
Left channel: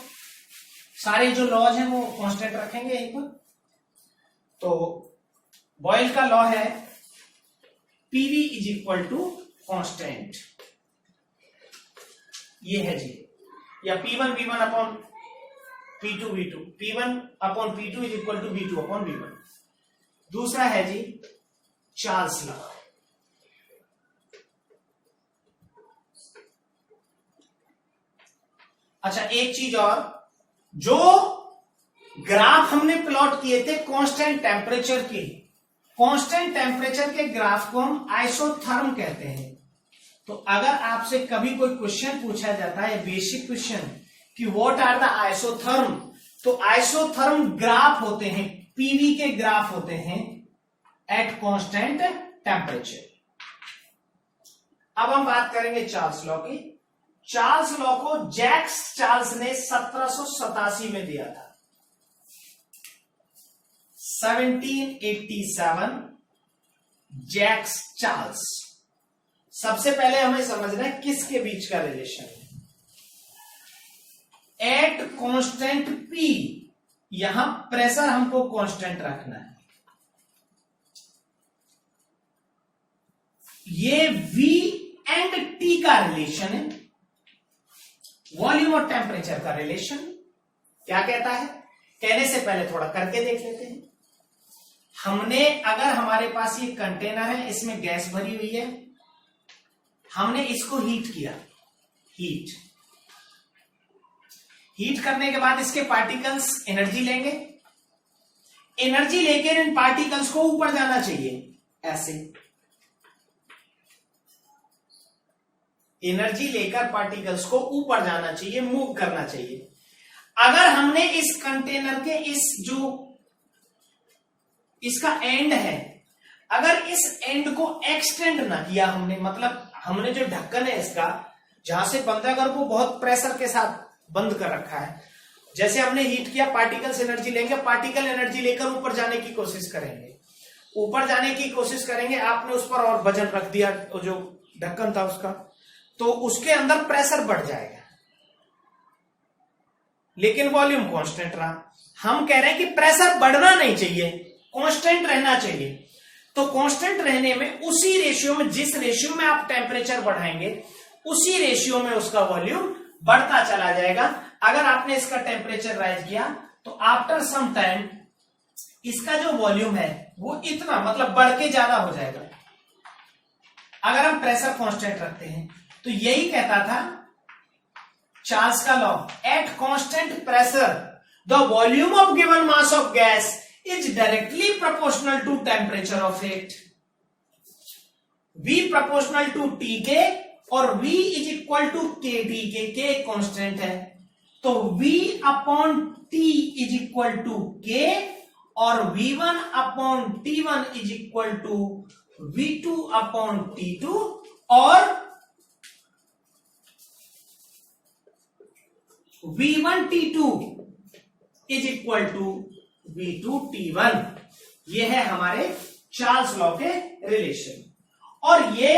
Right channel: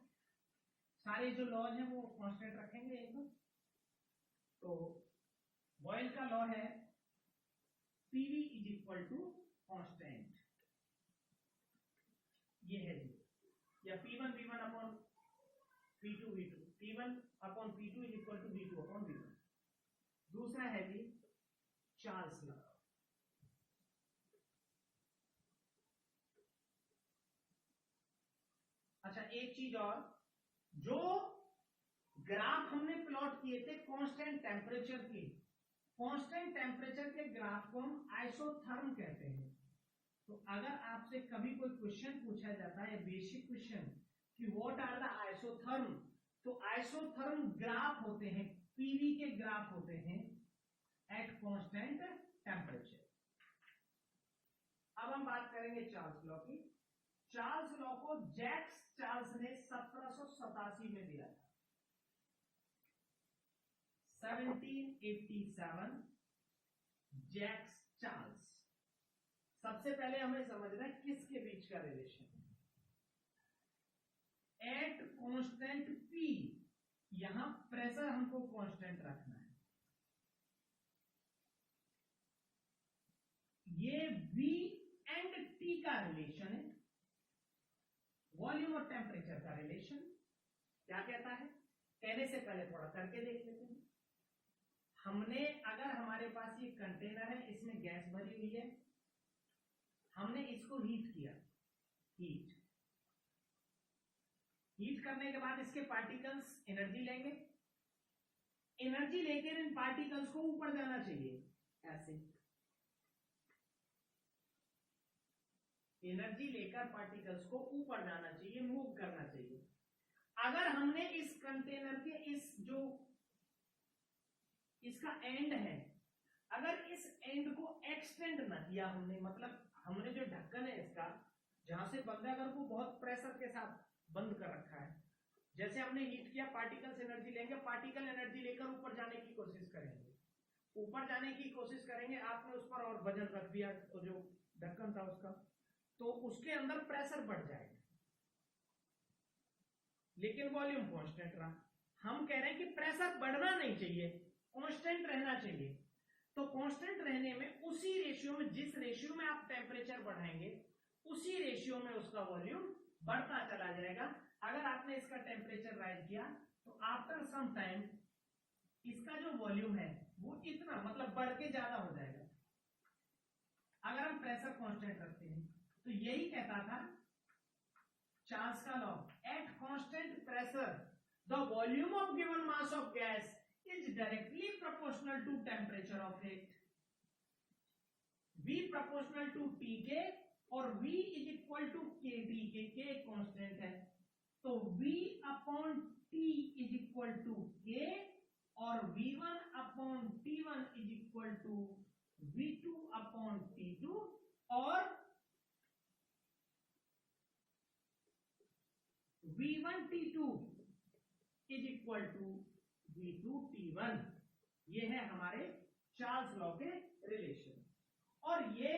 सारे जो लॉज हैं वो कांस्टेंट रखेंगे एक बार। तो बॉयल का लॉ है PV is equal to constant, ये है जी, या P1 V1 upon P2 V2, P1 upon P2 is equal to V2 upon V1। दूसरा है जी चार्ल्स लॉ। अच्छा एक चीज और, जो ग्राफ हमने प्लॉट किए थे कांस्टेंट टेम्परेचर के, कांस्टेंट टेम्परेचर के ग्राफ को हम आइसोथर्म कहते हैं। तो अगर आपसे कभी कोई क्वेश्चन पूछा जाता है, बेसिक क्वेश्चन, कि व्हाट आर द आइसोथर्म, तो आइसोथर्म ग्राफ होते हैं, पीवी के ग्राफ होते हैं एट कांस्टेंट टेम्परेचर। अब हम बात करेंगे चार्ल्स लॉ की। चार्ल्स लॉ को जैक्स चार्ल्स ने 1787 में दिया था। 1787 जैक्स चार्ल्स। सबसे पहले हमें समझना है किसके बीच का रिलेशन है। एट कांस्टेंट पी, यहां प्रेशर हमको कांस्टेंट रखना है। ये V एंड T का रिलेशन है, वॉल्यूम और टेम्परेचर का रिलेशन। क्या कहता है, कहने से पहले थोड़ा करके देख लेते हैं। हमने, अगर हमारे पास ये कंटेनर है, इसमें गैस भरी हुई है, हमने इसको हीट किया, हीट करने के बाद इसके पार्टिकल्स एनर्जी लेंगे, एनर्जी लेकर इन पार्टिकल्स को ऊपर जाना चाहिए, ऐसे एनर्जी लेकर पार्टिकल्स को ऊपर जाना चाहिए, मूव करना चाहिए। अगर हमने इस कंटेनर के इस जो इसका एंड है, अगर इस एंड को एक्सटेंड ना किया हमने, मतलब हमने जो ढक्कन है इसका, जहां से बंद है, अगर वो बहुत प्रेशर के साथ बंद कर रखा है, जैसे हमने हीट किया, पार्टिकल्स एनर्जी लेंगे, पार्टिकल एनर्जी लेकर ऊपर जाने की कोशिश करेंगे, ऊपर जाने की कोशिश करेंगे। आपने उस पर और वजन रख दिया, जो ढक्कन था उसका, तो उसके अंदर प्रेशर बढ़ जाएगा, लेकिन वॉल्यूम कांस्टेंट रहा। हम कह रहे हैं कि प्रेशर बढ़ना नहीं चाहिए, कांस्टेंट रहना चाहिए। तो कांस्टेंट रहने में उसी रेशियो में, जिस रेशियो में आप टेम्परेचर बढ़ाएंगे, उसी रेशियो में उसका वॉल्यूम बढ़ता चला जाएगा। अगर आपने इसका टेम्परेचर राइज किया तो आफ्टर सम टाइम इसका जो वॉल्यूम है वो इतना, मतलब बढ़ के ज्यादा हो जाएगा। अगर हम प्रेशर कांस्टेंट रखते हैं, तो यही कहता था चार्ल्स का law, at constant pressure the volume of given mass of gas is directly proportional to temperature of it. V proportional to T के और V is equal to K T K एक कांस्टेंट है, तो V upon T is equal to K और V1 upon T1 is equal to V2 upon T2 और V1 T2 is equal to V2 T1। ये है हमारे Charles law के relation. और ये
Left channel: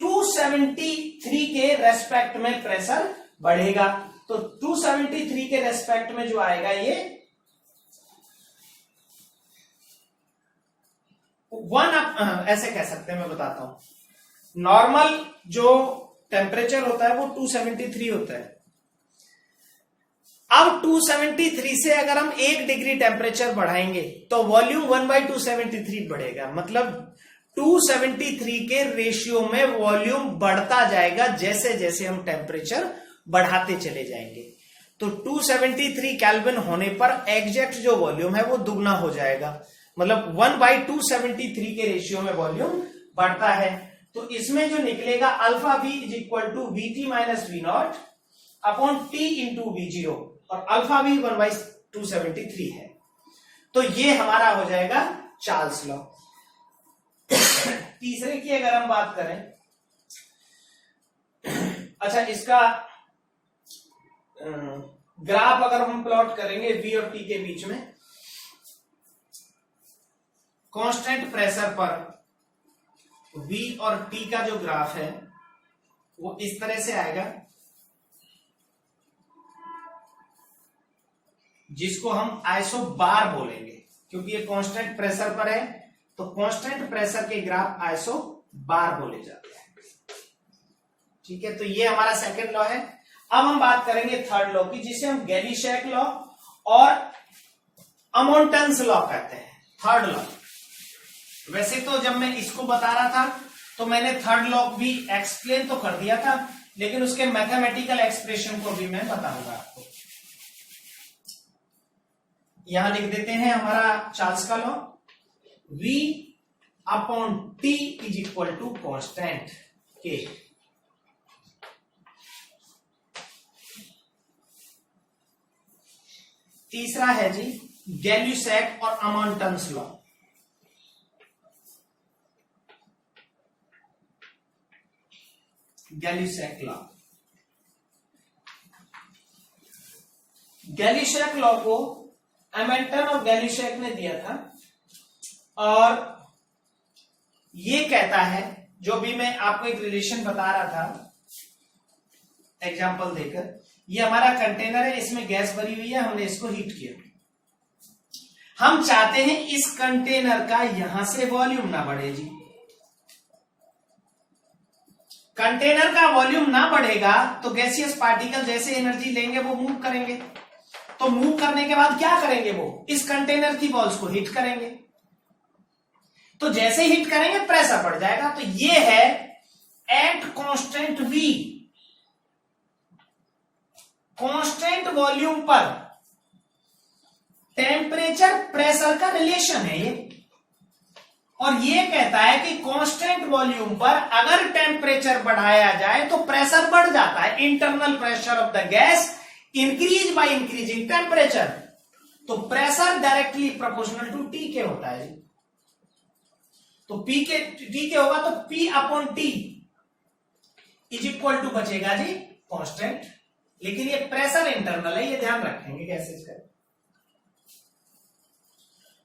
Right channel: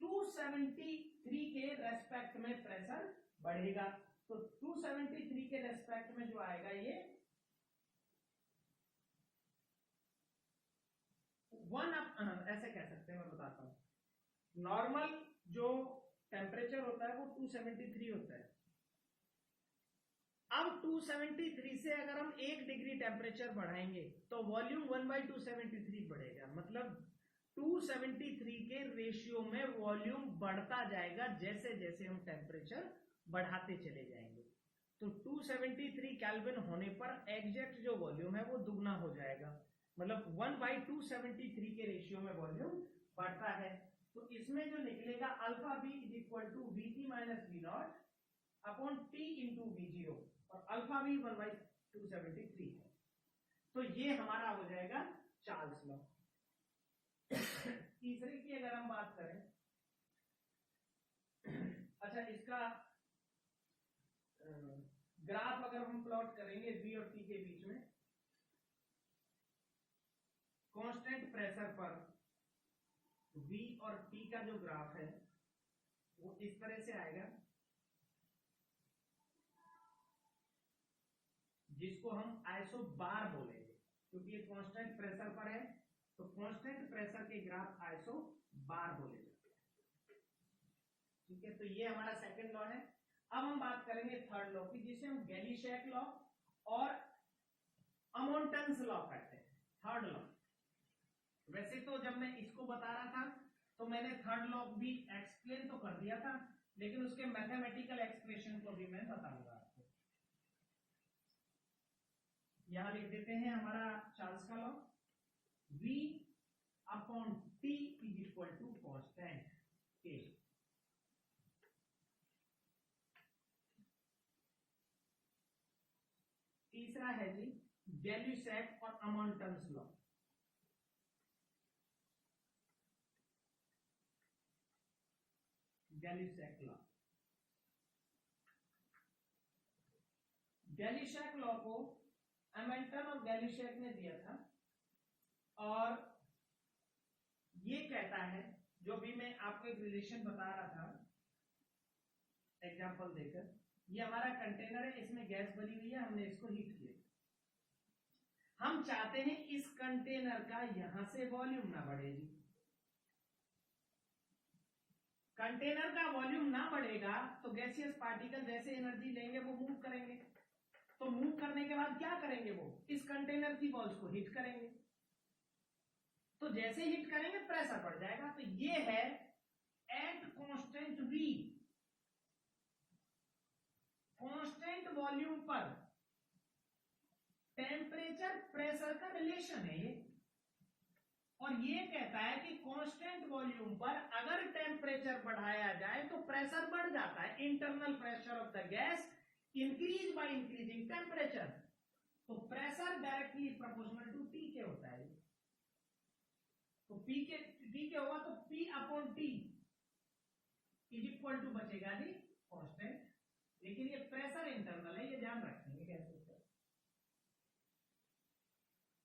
273 के रेस्पेक्ट में प्रेशर बढ़ेगा, तो 273 के रेस्पेक्ट में जो आएगा ये 1 ऐसे कह सकते हैं, मैं बताता हूं। नॉर्मल जो टेम्परेचर होता है वो 273 होता है। अब 273 से अगर हम 1 डिग्री टेम्परेचर बढ़ाएंगे तो वॉल्यूम 1/273 बढ़ेगा, मतलब 273 के रेशियो में वॉल्यूम बढ़ता जाएगा जैसे जैसे हम टेम्परेचर बढ़ाते चले जाएंगे। तो 273 केल्विन होने पर एग्जैक्ट जो वॉल्यूम है वो दुगना हो जाएगा, मतलब 1/273 के रेशियो में वॉल्यूम बढ़ता है। तो इसमें जो निकलेगा alpha V is equal to V T minus V not upon T into वी0, और अल्फा वी 1/273 है। तो ये हमारा हो जाएगा चार्ल्स लॉ। तीसरे की अगर हम बात करें, अच्छा इसका ग्राफ अगर हम प्लॉट करेंगे V और T के बीच में, कांस्टेंट प्रेशर पर V और T का जो ग्राफ है वो इस तरह से आएगा, जिसको हम आइसो बार बोलेंगे, क्योंकि ये कांस्टेंट प्रेशर पर है, तो कांस्टेंट प्रेशर के ग्राफ आइसो बार बोले जाते हैं। ठीक है, तो ये हमारा सेकंड लॉ है। अब हम बात करेंगे थर्ड लॉ की, जिसे हम गैली-शैक लॉ और अमोंटन्स लॉ कहते हैं। थर्ड लॉ, वैसे तो जब मैं इसको बता रहा था तो मैंने थर्ड लॉ भी एक्सप्लेन तो कर दिया था, लेकिन उसके मैथमेटिकल एक्सप्रेशन को भी मैं बताऊंगा आपको। यहां लिख देते हैं हमारा चार्ल्स का law, V upon T is equal to constant K। तीसरा है जी गैल्यूसैक और Amontons law. Gay Lussac law, Gay Lussac law को अमेल्टन और गैल्यूसैक ने दिया था और ये कहता है, जो भी मैं आपको एक रिलेशन बता रहा था एग्जांपल देकर, ये हमारा कंटेनर है, इसमें गैस भरी हुई है, हमने इसको हीट किया। हम चाहते हैं इस कंटेनर का यहां से वॉल्यूम ना बढ़े जी। कंटेनर का वॉल्यूम ना बढ़ेगा तो गैसियस पार्टिकल जैसे एनर्जी लेंगे वो मूव करेंगे। तो मूव करने के बाद क्या करेंगे, वो इस कंटेनर की वॉल्स को हीट करेंगे। तो जैसे हीट करेंगे प्रेशर बढ़ जाएगा। तो ये है at constant V, constant volume पर टेम्परेचर प्रेशर का रिलेशन है ये। और ये कहता है कि कांस्टेंट वॉल्यूम पर अगर टेम्परेचर बढ़ाया जाए तो प्रेशर बढ़ जाता है। Internal pressure of the gas increase by increasing temperature. तो pressure directly proportional to T के होता है। तो पी के टी के होगा तो P upon T is equal to बचेगा जी कांस्टेंट, लेकिन ये प्रेशर इंटरनल है, ये ध्यान रखेंगे गैसेस का।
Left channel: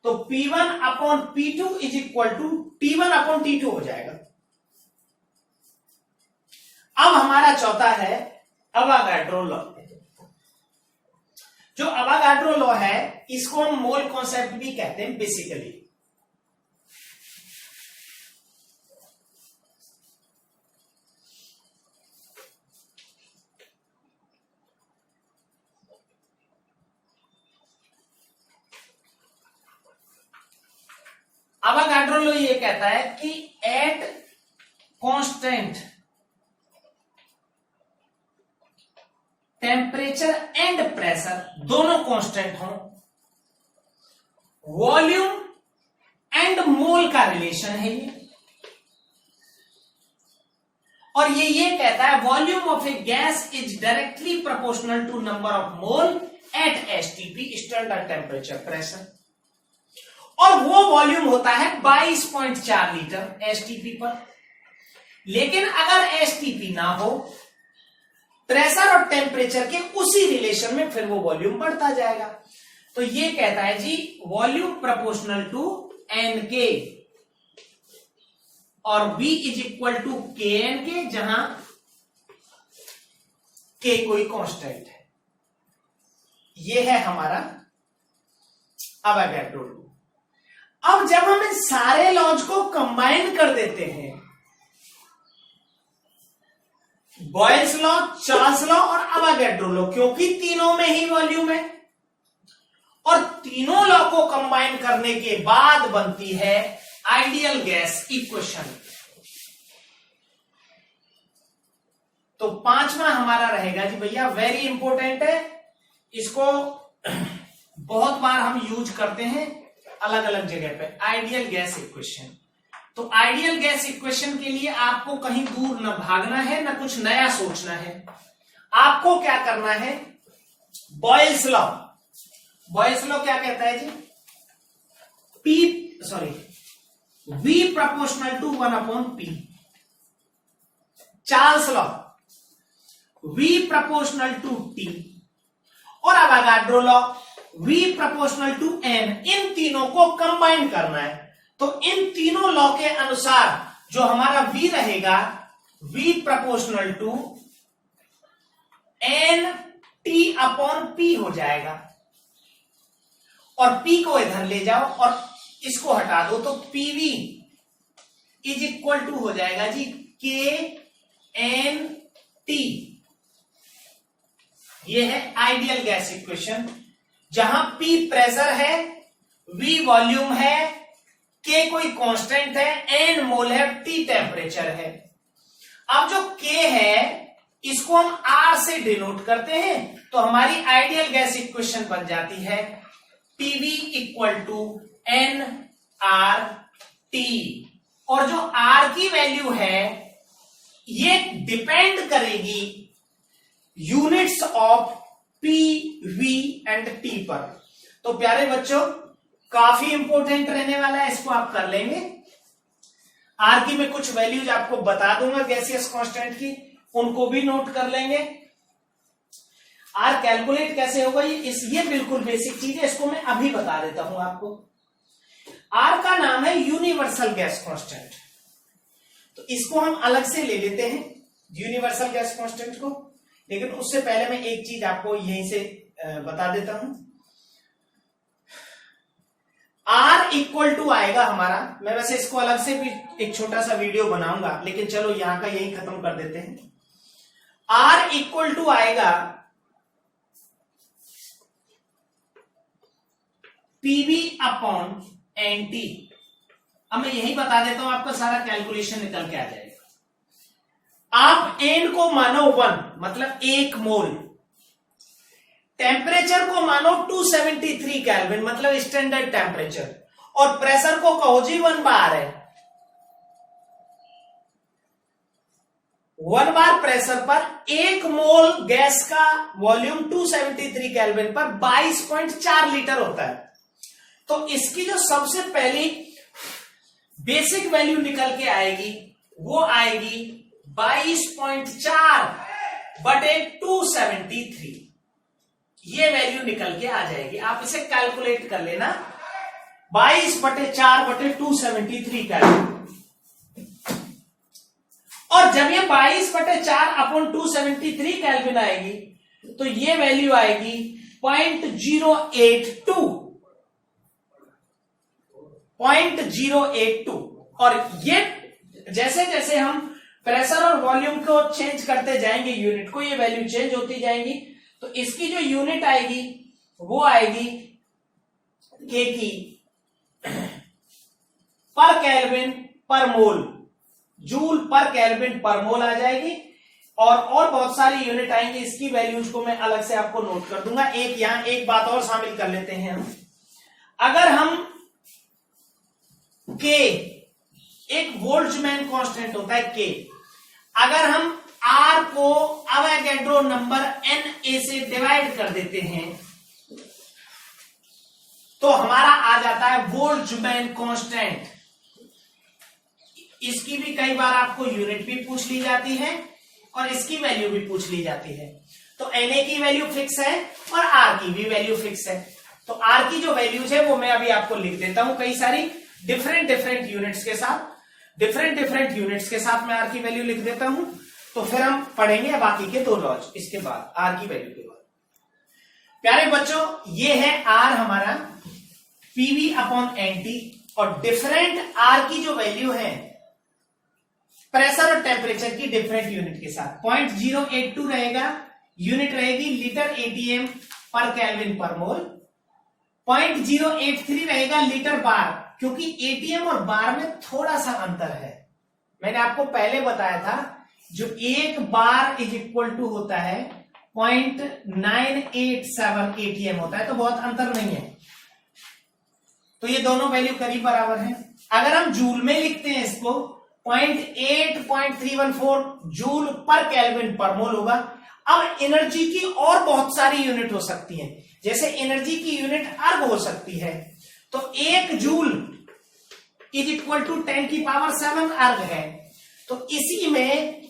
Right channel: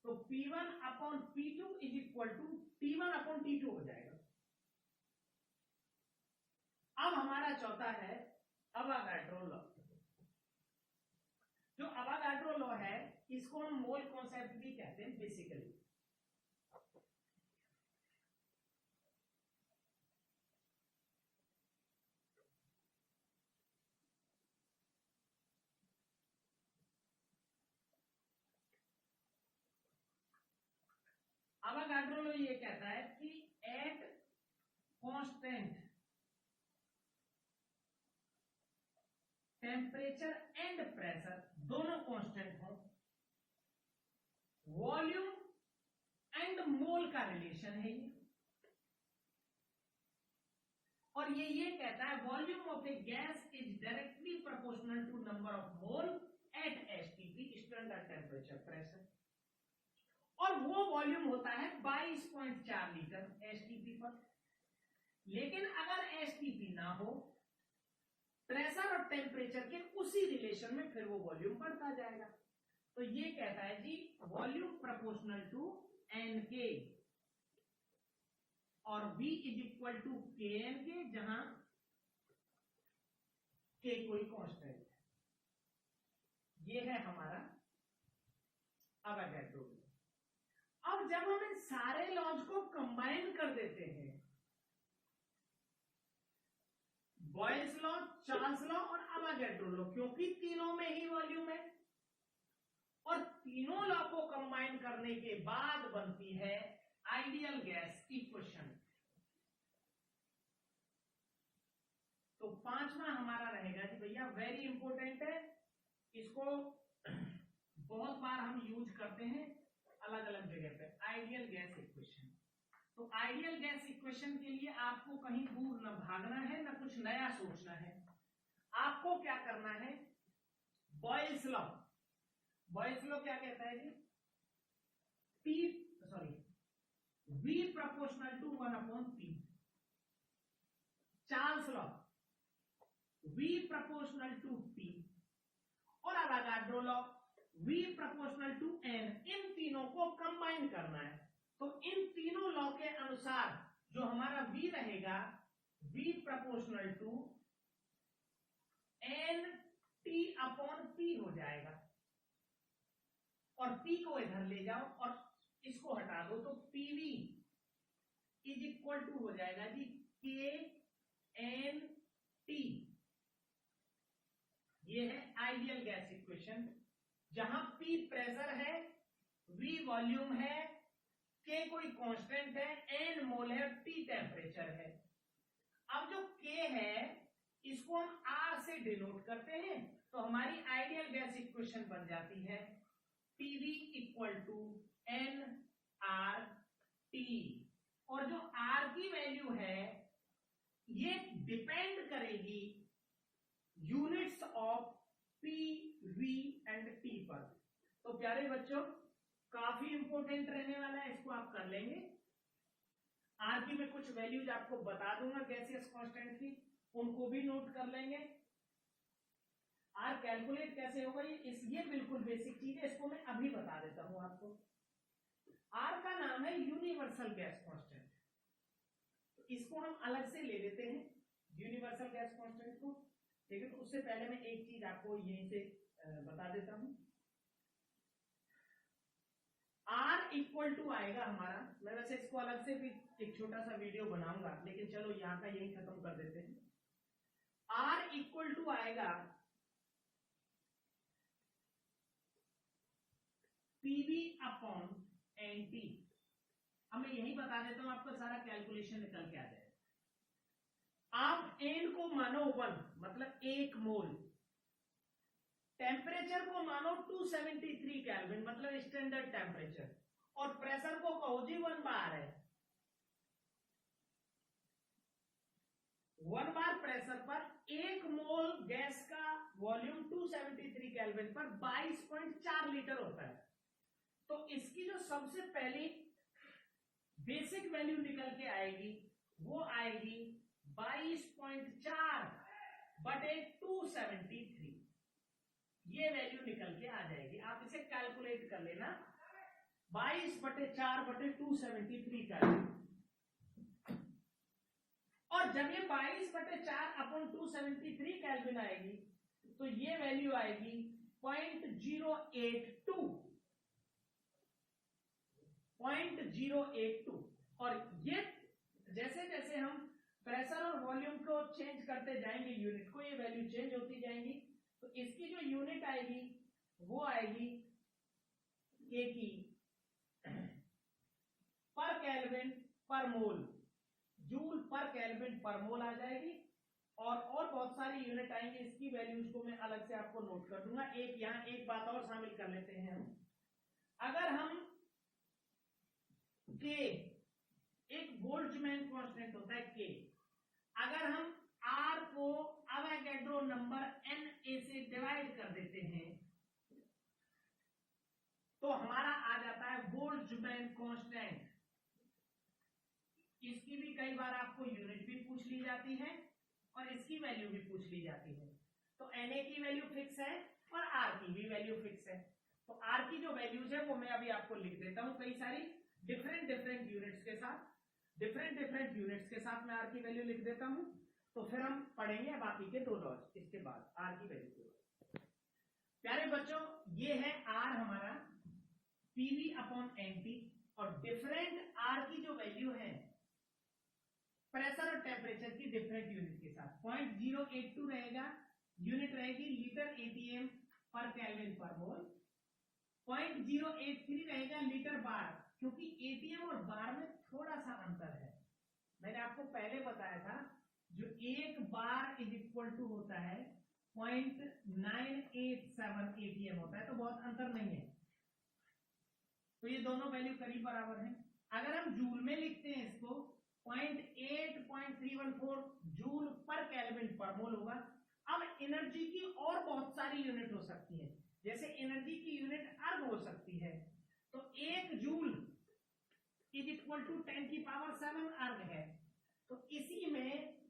तो P1 upon P2 is equal to T1 upon T2 हो जाएगा। अब हमारा चौथा है अवागाड्रो लॉ। जो अवागाड्रो लॉ है इसको हम मोल कॉन्सेप्ट भी कहते हैं बेसिकली। अवागाड्रो लॉ ये कहता है कि at constant temperature and pressure, दोनों कांस्टेंट हो, वॉल्यूम एंड मोल का रिलेशन है ये। और ये कहता है volume of a gas is directly proportional to number of mole at STP, standard temperature pressure. और वो वॉल्यूम होता है 22.4 लीटर एसटीपी पर। लेकिन अगर एसटीपी ना हो, प्रेशर और टेम्परेचर के उसी रिलेशन में फिर वो वॉल्यूम बढ़ता जाएगा। तो ये कहता है जी वॉल्यूम प्रोपोर्शनल टू एन के और V इज इक्वल टू के एन के, जहां के कोई कांस्टेंट है। ये है हमारा अवागाड्रो लॉ। अब जब हम इन सारे लॉज को कंबाइन कर देते हैं, बॉयल्स लॉ, चार्ल्स लॉ और अवागाड्रो लॉ, क्योंकि तीनों में ही वॉल्यूम है, और तीनों लॉ को कंबाइन करने के बाद बनती है आइडियल गैस इक्वेशन। तो पांचवा हमारा रहेगा जी भैया, वेरी इंपॉर्टेंट है, इसको बहुत बार हम यूज करते हैं अलग अलग जगह पे, आइडियल गैस इक्वेशन। तो आइडियल गैस इक्वेशन के लिए आपको कहीं दूर न भागना है, न कुछ नया सोचना है। आपको क्या करना है, बॉयल्स लॉ। बॉयल्स लॉ क्या कहता है जी, V proportional to 1 upon P। Charles law V proportional to T। और Avogadro law V proportional to N। इन तीनों को कंबाइन करना है। तो इन तीनों लॉ के अनुसार जो हमारा V रहेगा, V proportional to N T upon P हो जाएगा। और P को इधर ले जाओ और इसको हटा दो, तो PV इज इक्वल टू हो जाएगा जी KNT। ये है आइडियल गैस इक्वेशन, जहां P प्रेशर है, V वॉल्यूम है, K कोई कांस्टेंट है, N मोल है, T टेम्परेचर है। अब जो K है इसको हम R से डिनोट करते हैं, तो हमारी आइडियल गैस इक्वेशन बन जाती है PV इक्वल टू nRT। और जो R की वैल्यू है ये डिपेंड करेगी units of P, V and T पर। तो प्यारे बच्चों काफी इंपॉर्टेंट रहने वाला है, इसको आप कर लेंगे। आर की मैं कुछ वैल्यूज आपको बता दूंगा गैसियस कांस्टेंट की, उनको भी नोट कर लेंगे। आर कैलकुलेट कैसे होगा ये बिल्कुल बेसिक चीज है, इसको मैं अभी बता देता हूं आपको। आर का नाम है यूनिवर्सल गैस कांस्टेंट, तो इसको हम अलग से ले लेते हैं यूनिवर्सल गैस कांस्टेंट को। लेकिन उससे पहले मैं एक चीज आपको यहीं से बता देता हूं। R इक्वल टू आएगा हमारा, मैं वैसे इसको अलग से भी एक छोटा सा वीडियो बनाऊंगा, लेकिन चलो यहां का यही खत्म कर देते हैं। R इक्वल टू आएगा PV अपॉन NT। अब मैं यही बता देता हूं, आपका सारा कैलकुलेशन निकल के आ जाएगा। आप एन को मानो 1, मतलब 1 मोल, टेम्परेचर को मानो 273 केल्विन, मतलब स्टैंडर्ड टेम्परेचर, और प्रेशर को कहो जी 1 बार है। 1 बार प्रेशर पर 1 मोल गैस का वॉल्यूम 273 केल्विन पर 22.4 लीटर होता है। तो इसकी जो सबसे पहली बेसिक वैल्यू निकल के आएगी वो आएगी 22.4 बटे 273। ये वैल्यू निकल के आ जाएगी, आप इसे कैलकुलेट कर लेना। 22/4 बटे 273 कैलविन। और जब ये 22/4 अपॉन 273 कैलविन आएगी तो ये वैल्यू आएगी 0.082। और ये जैसे जैसे हम प्रेशर और वॉल्यूम को चेंज करते जाएंगे यूनिट को, ये वैल्यू चेंज होती जाएंगी। तो इसकी जो यूनिट आएगी वो आएगी के की पर केल्विन पर मोल, जूल पर केल्विन पर मोल आ जाएगी। और बहुत सारी यूनिट आएंगी, इसकी वैल्यूज को मैं अलग से आपको नोट कर दूंगा। एक यहां एक बात और शामिल कर लेते हैं हम। अगर हम के, एक बोल्ट्जमैन कांस्टेंट होता है के, अगर हम आर को अवोगाड्रो नंबर Na से डिवाइड कर देते हैं तो हमारा आ जाता है बोल्ट्जमैन कांस्टेंट। इसकी भी कई बार आपको यूनिट भी पूछ ली जाती है और इसकी वैल्यू भी पूछ ली जाती है। तो Na की वैल्यू फिक्स है और R की भी वैल्यू फिक्स है। तो R की जो वैल्यूज है वो मैं अभी आपको लिख देता हूं, कई सारी डिफरेंट यूनिट्स के साथ, डिफरेंट यूनिट्स के साथ मैं R की वैल्यू लिख देता हूं। तो फिर हम पढ़ेंगे बाकी के 2 लॉज इसके बाद, R की वैल्यू के बाद। प्यारे बच्चों, ये है R हमारा PV अपॉन NT, और डिफरेंट R की जो वैल्यू है प्रेशर और टेम्परेचर की डिफरेंट यूनिट के साथ। 0.082 रहेगा, यूनिट रहेगी लीटर ATM पर केल्विन पर मोल। 0.083 रहेगा लीटर बार, क्योंकि ATM और बार में थोड़ा सा अंतर है। मैंने आपको पहले बताया था जो 1 बार इज इक्वल टू होता है 0.987 ATM होता है, तो बहुत अंतर नहीं है। तो ये दोनों वैल्यू करीब बराबर है। अगर हम जूल में लिखते हैं इसको 0.8314 जूल पर केल्विन पर मोल होगा। अब एनर्जी की और बहुत सारी यूनिट हो सकती है, जैसे एनर्जी की यूनिट अर्ग हो सकती है। तो 1 जूल इज इक्वल टू 10⁻7 अर्ग है। तो इसी में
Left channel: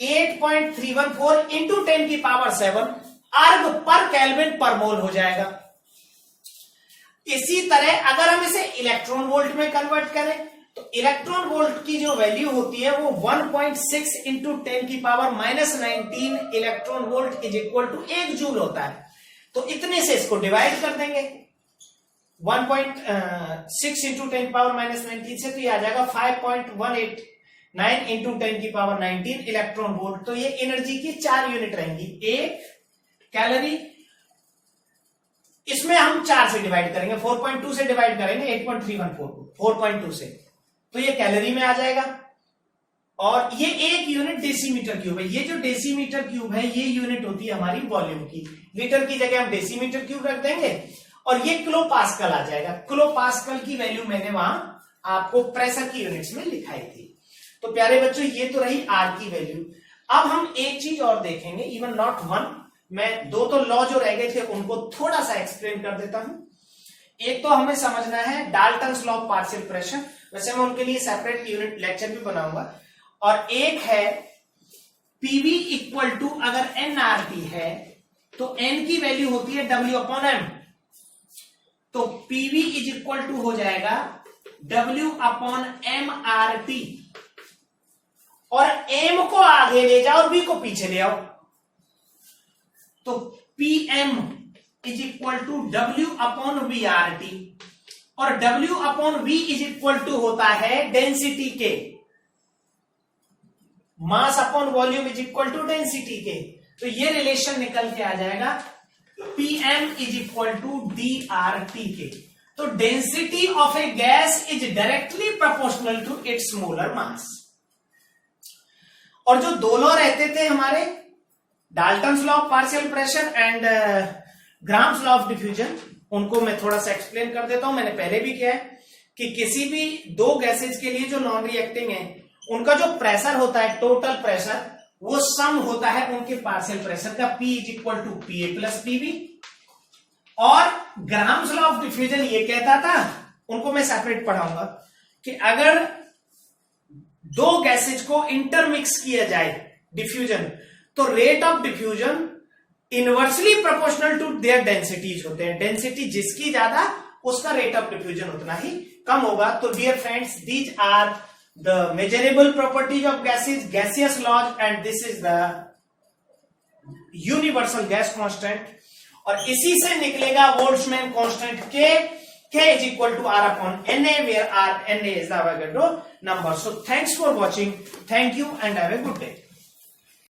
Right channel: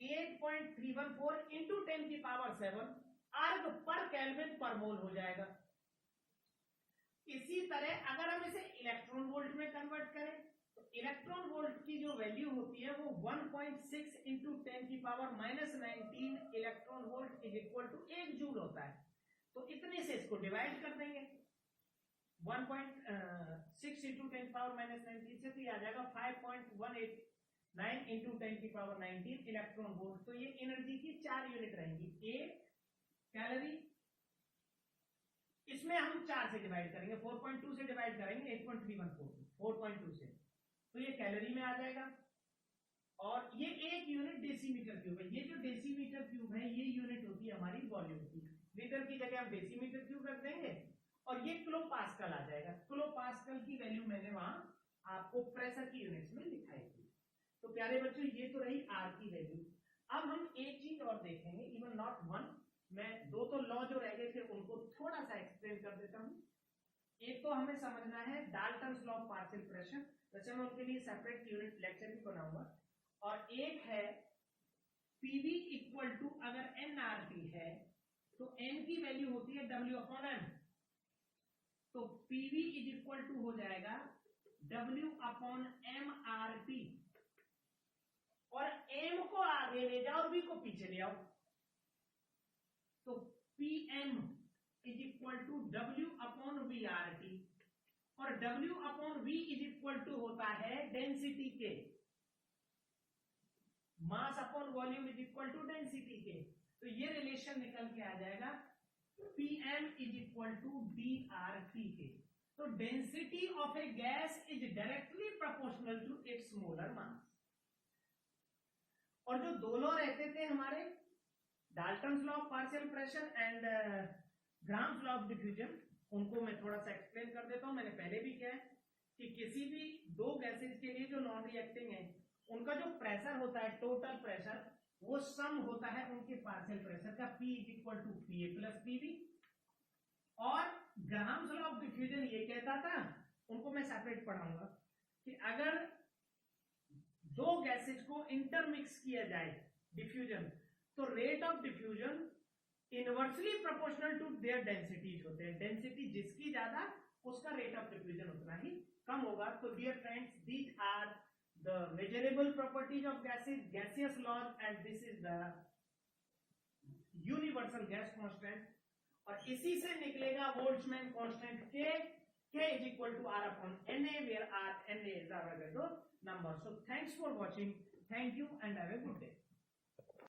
8.314 इंटू 10⁻7 अर्ग पर केल्विन पर मोल हो जाएगा। इसी तरह अगर हम इसे इलेक्ट्रॉन वोल्ट में कन्वर्ट करें तो इलेक्ट्रॉन वोल्ट की जो वैल्यू होती है वो 1.6 into 10⁻19 electron volt is equal to 1 joule होता है। तो इतने से इसको डिवाइड कर देंगे 1.6 इंटू 10⁻19 से, तो ये आ जाएगा 5.189 इंटू 10⁻19 इलेक्ट्रॉन वोल्ट। तो ये एनर्जी की 4 यूनिट रहेंगी। 1 कैलोरी, इसमें हम 4 से डिवाइड करेंगे, 4.2 से डिवाइड करेंगे 8.314 4.2 से, तो ये कैलोरी में आ जाएगा। और ये 1 यूनिट डेसीमीटर क्यूब है। ये जो डेसीमीटर क्यूब है ये यूनिट होती है हमारी वॉल्यूम की। लीटर की जगह हम डेसीमीटर क्यूब रख देंगे और ये किलो पास्कल आ जाएगा। किलो पास्कल की वैल्यू मैंने वहां आपको प्रेशर की यूनिट्स में लिखाई थी। तो प्यारे बच्चों, ये तो रही आर की वैल्यू। अब हम एक चीज और देखेंगे, इवन नॉट 1 मैं दो तो लॉ जो रह गए थे उनको थोड़ा सा एक्सप्लेन कर देता हूं। एक तो हमें समझना है Dalton's law of partial pressure, वैसे मैं उनके लिए सेपरेट यूनिट लेक्चर भी बनाऊंगा। और एक है पीवी इक्वल टू, अगर एनआरटी है तो एन की वैल्यू होती है डब्ल्यू अपॉन एम, तो पीवी इज इक्वल टू हो जाएगा W upon M R T, और एम को आगे ले जाओ और बी को पीछे ले आओ, तो PM is equal to W upon V R T, और W upon V is equal to होता है डेंसिटी के, mass upon volume is equal to density के, तो ये रिलेशन निकल के आ जाएगा PM is equal to D R T के। तो density of a gas is directly proportional to its molar mass. और जो दो लॉ रहते थे हमारे, Dalton's law of partial pressure and grams law of diffusion, उनको मैं थोड़ा सा एक्सप्लेन कर देता हूं। मैंने पहले भी किया है कि किसी भी दो गैसेज के लिए जो नॉन रिएक्टिंग है उनका जो प्रेशर होता है, टोटल प्रेशर, वो सम होता है उनके पार्शियल प्रेशर का, P is equal to P A plus PV. और ग्राम्स लॉ ऑफ डिफ्यूजन ये कहता था, उनको मैं सेपरेट पढ़ाऊंगा, कि अगर दो गैसेज को इंटरमिक्स किया जाए डिफ्यूजन, तो rate of diffusion inversely proportional to their densities होते हैं। डेंसिटी जिसकी ज्यादा उसका रेट ऑफ डिफ्यूजन उतना ही कम होगा। तो dear friends, these are the measurable properties of gases, gaseous laws, and this is the universal gas constant. और इसी से निकलेगा Boltzmann constant K is equal to R upon Na, where R, Na is the Avogadro number. So thanks for watching. Thank you and have a good day.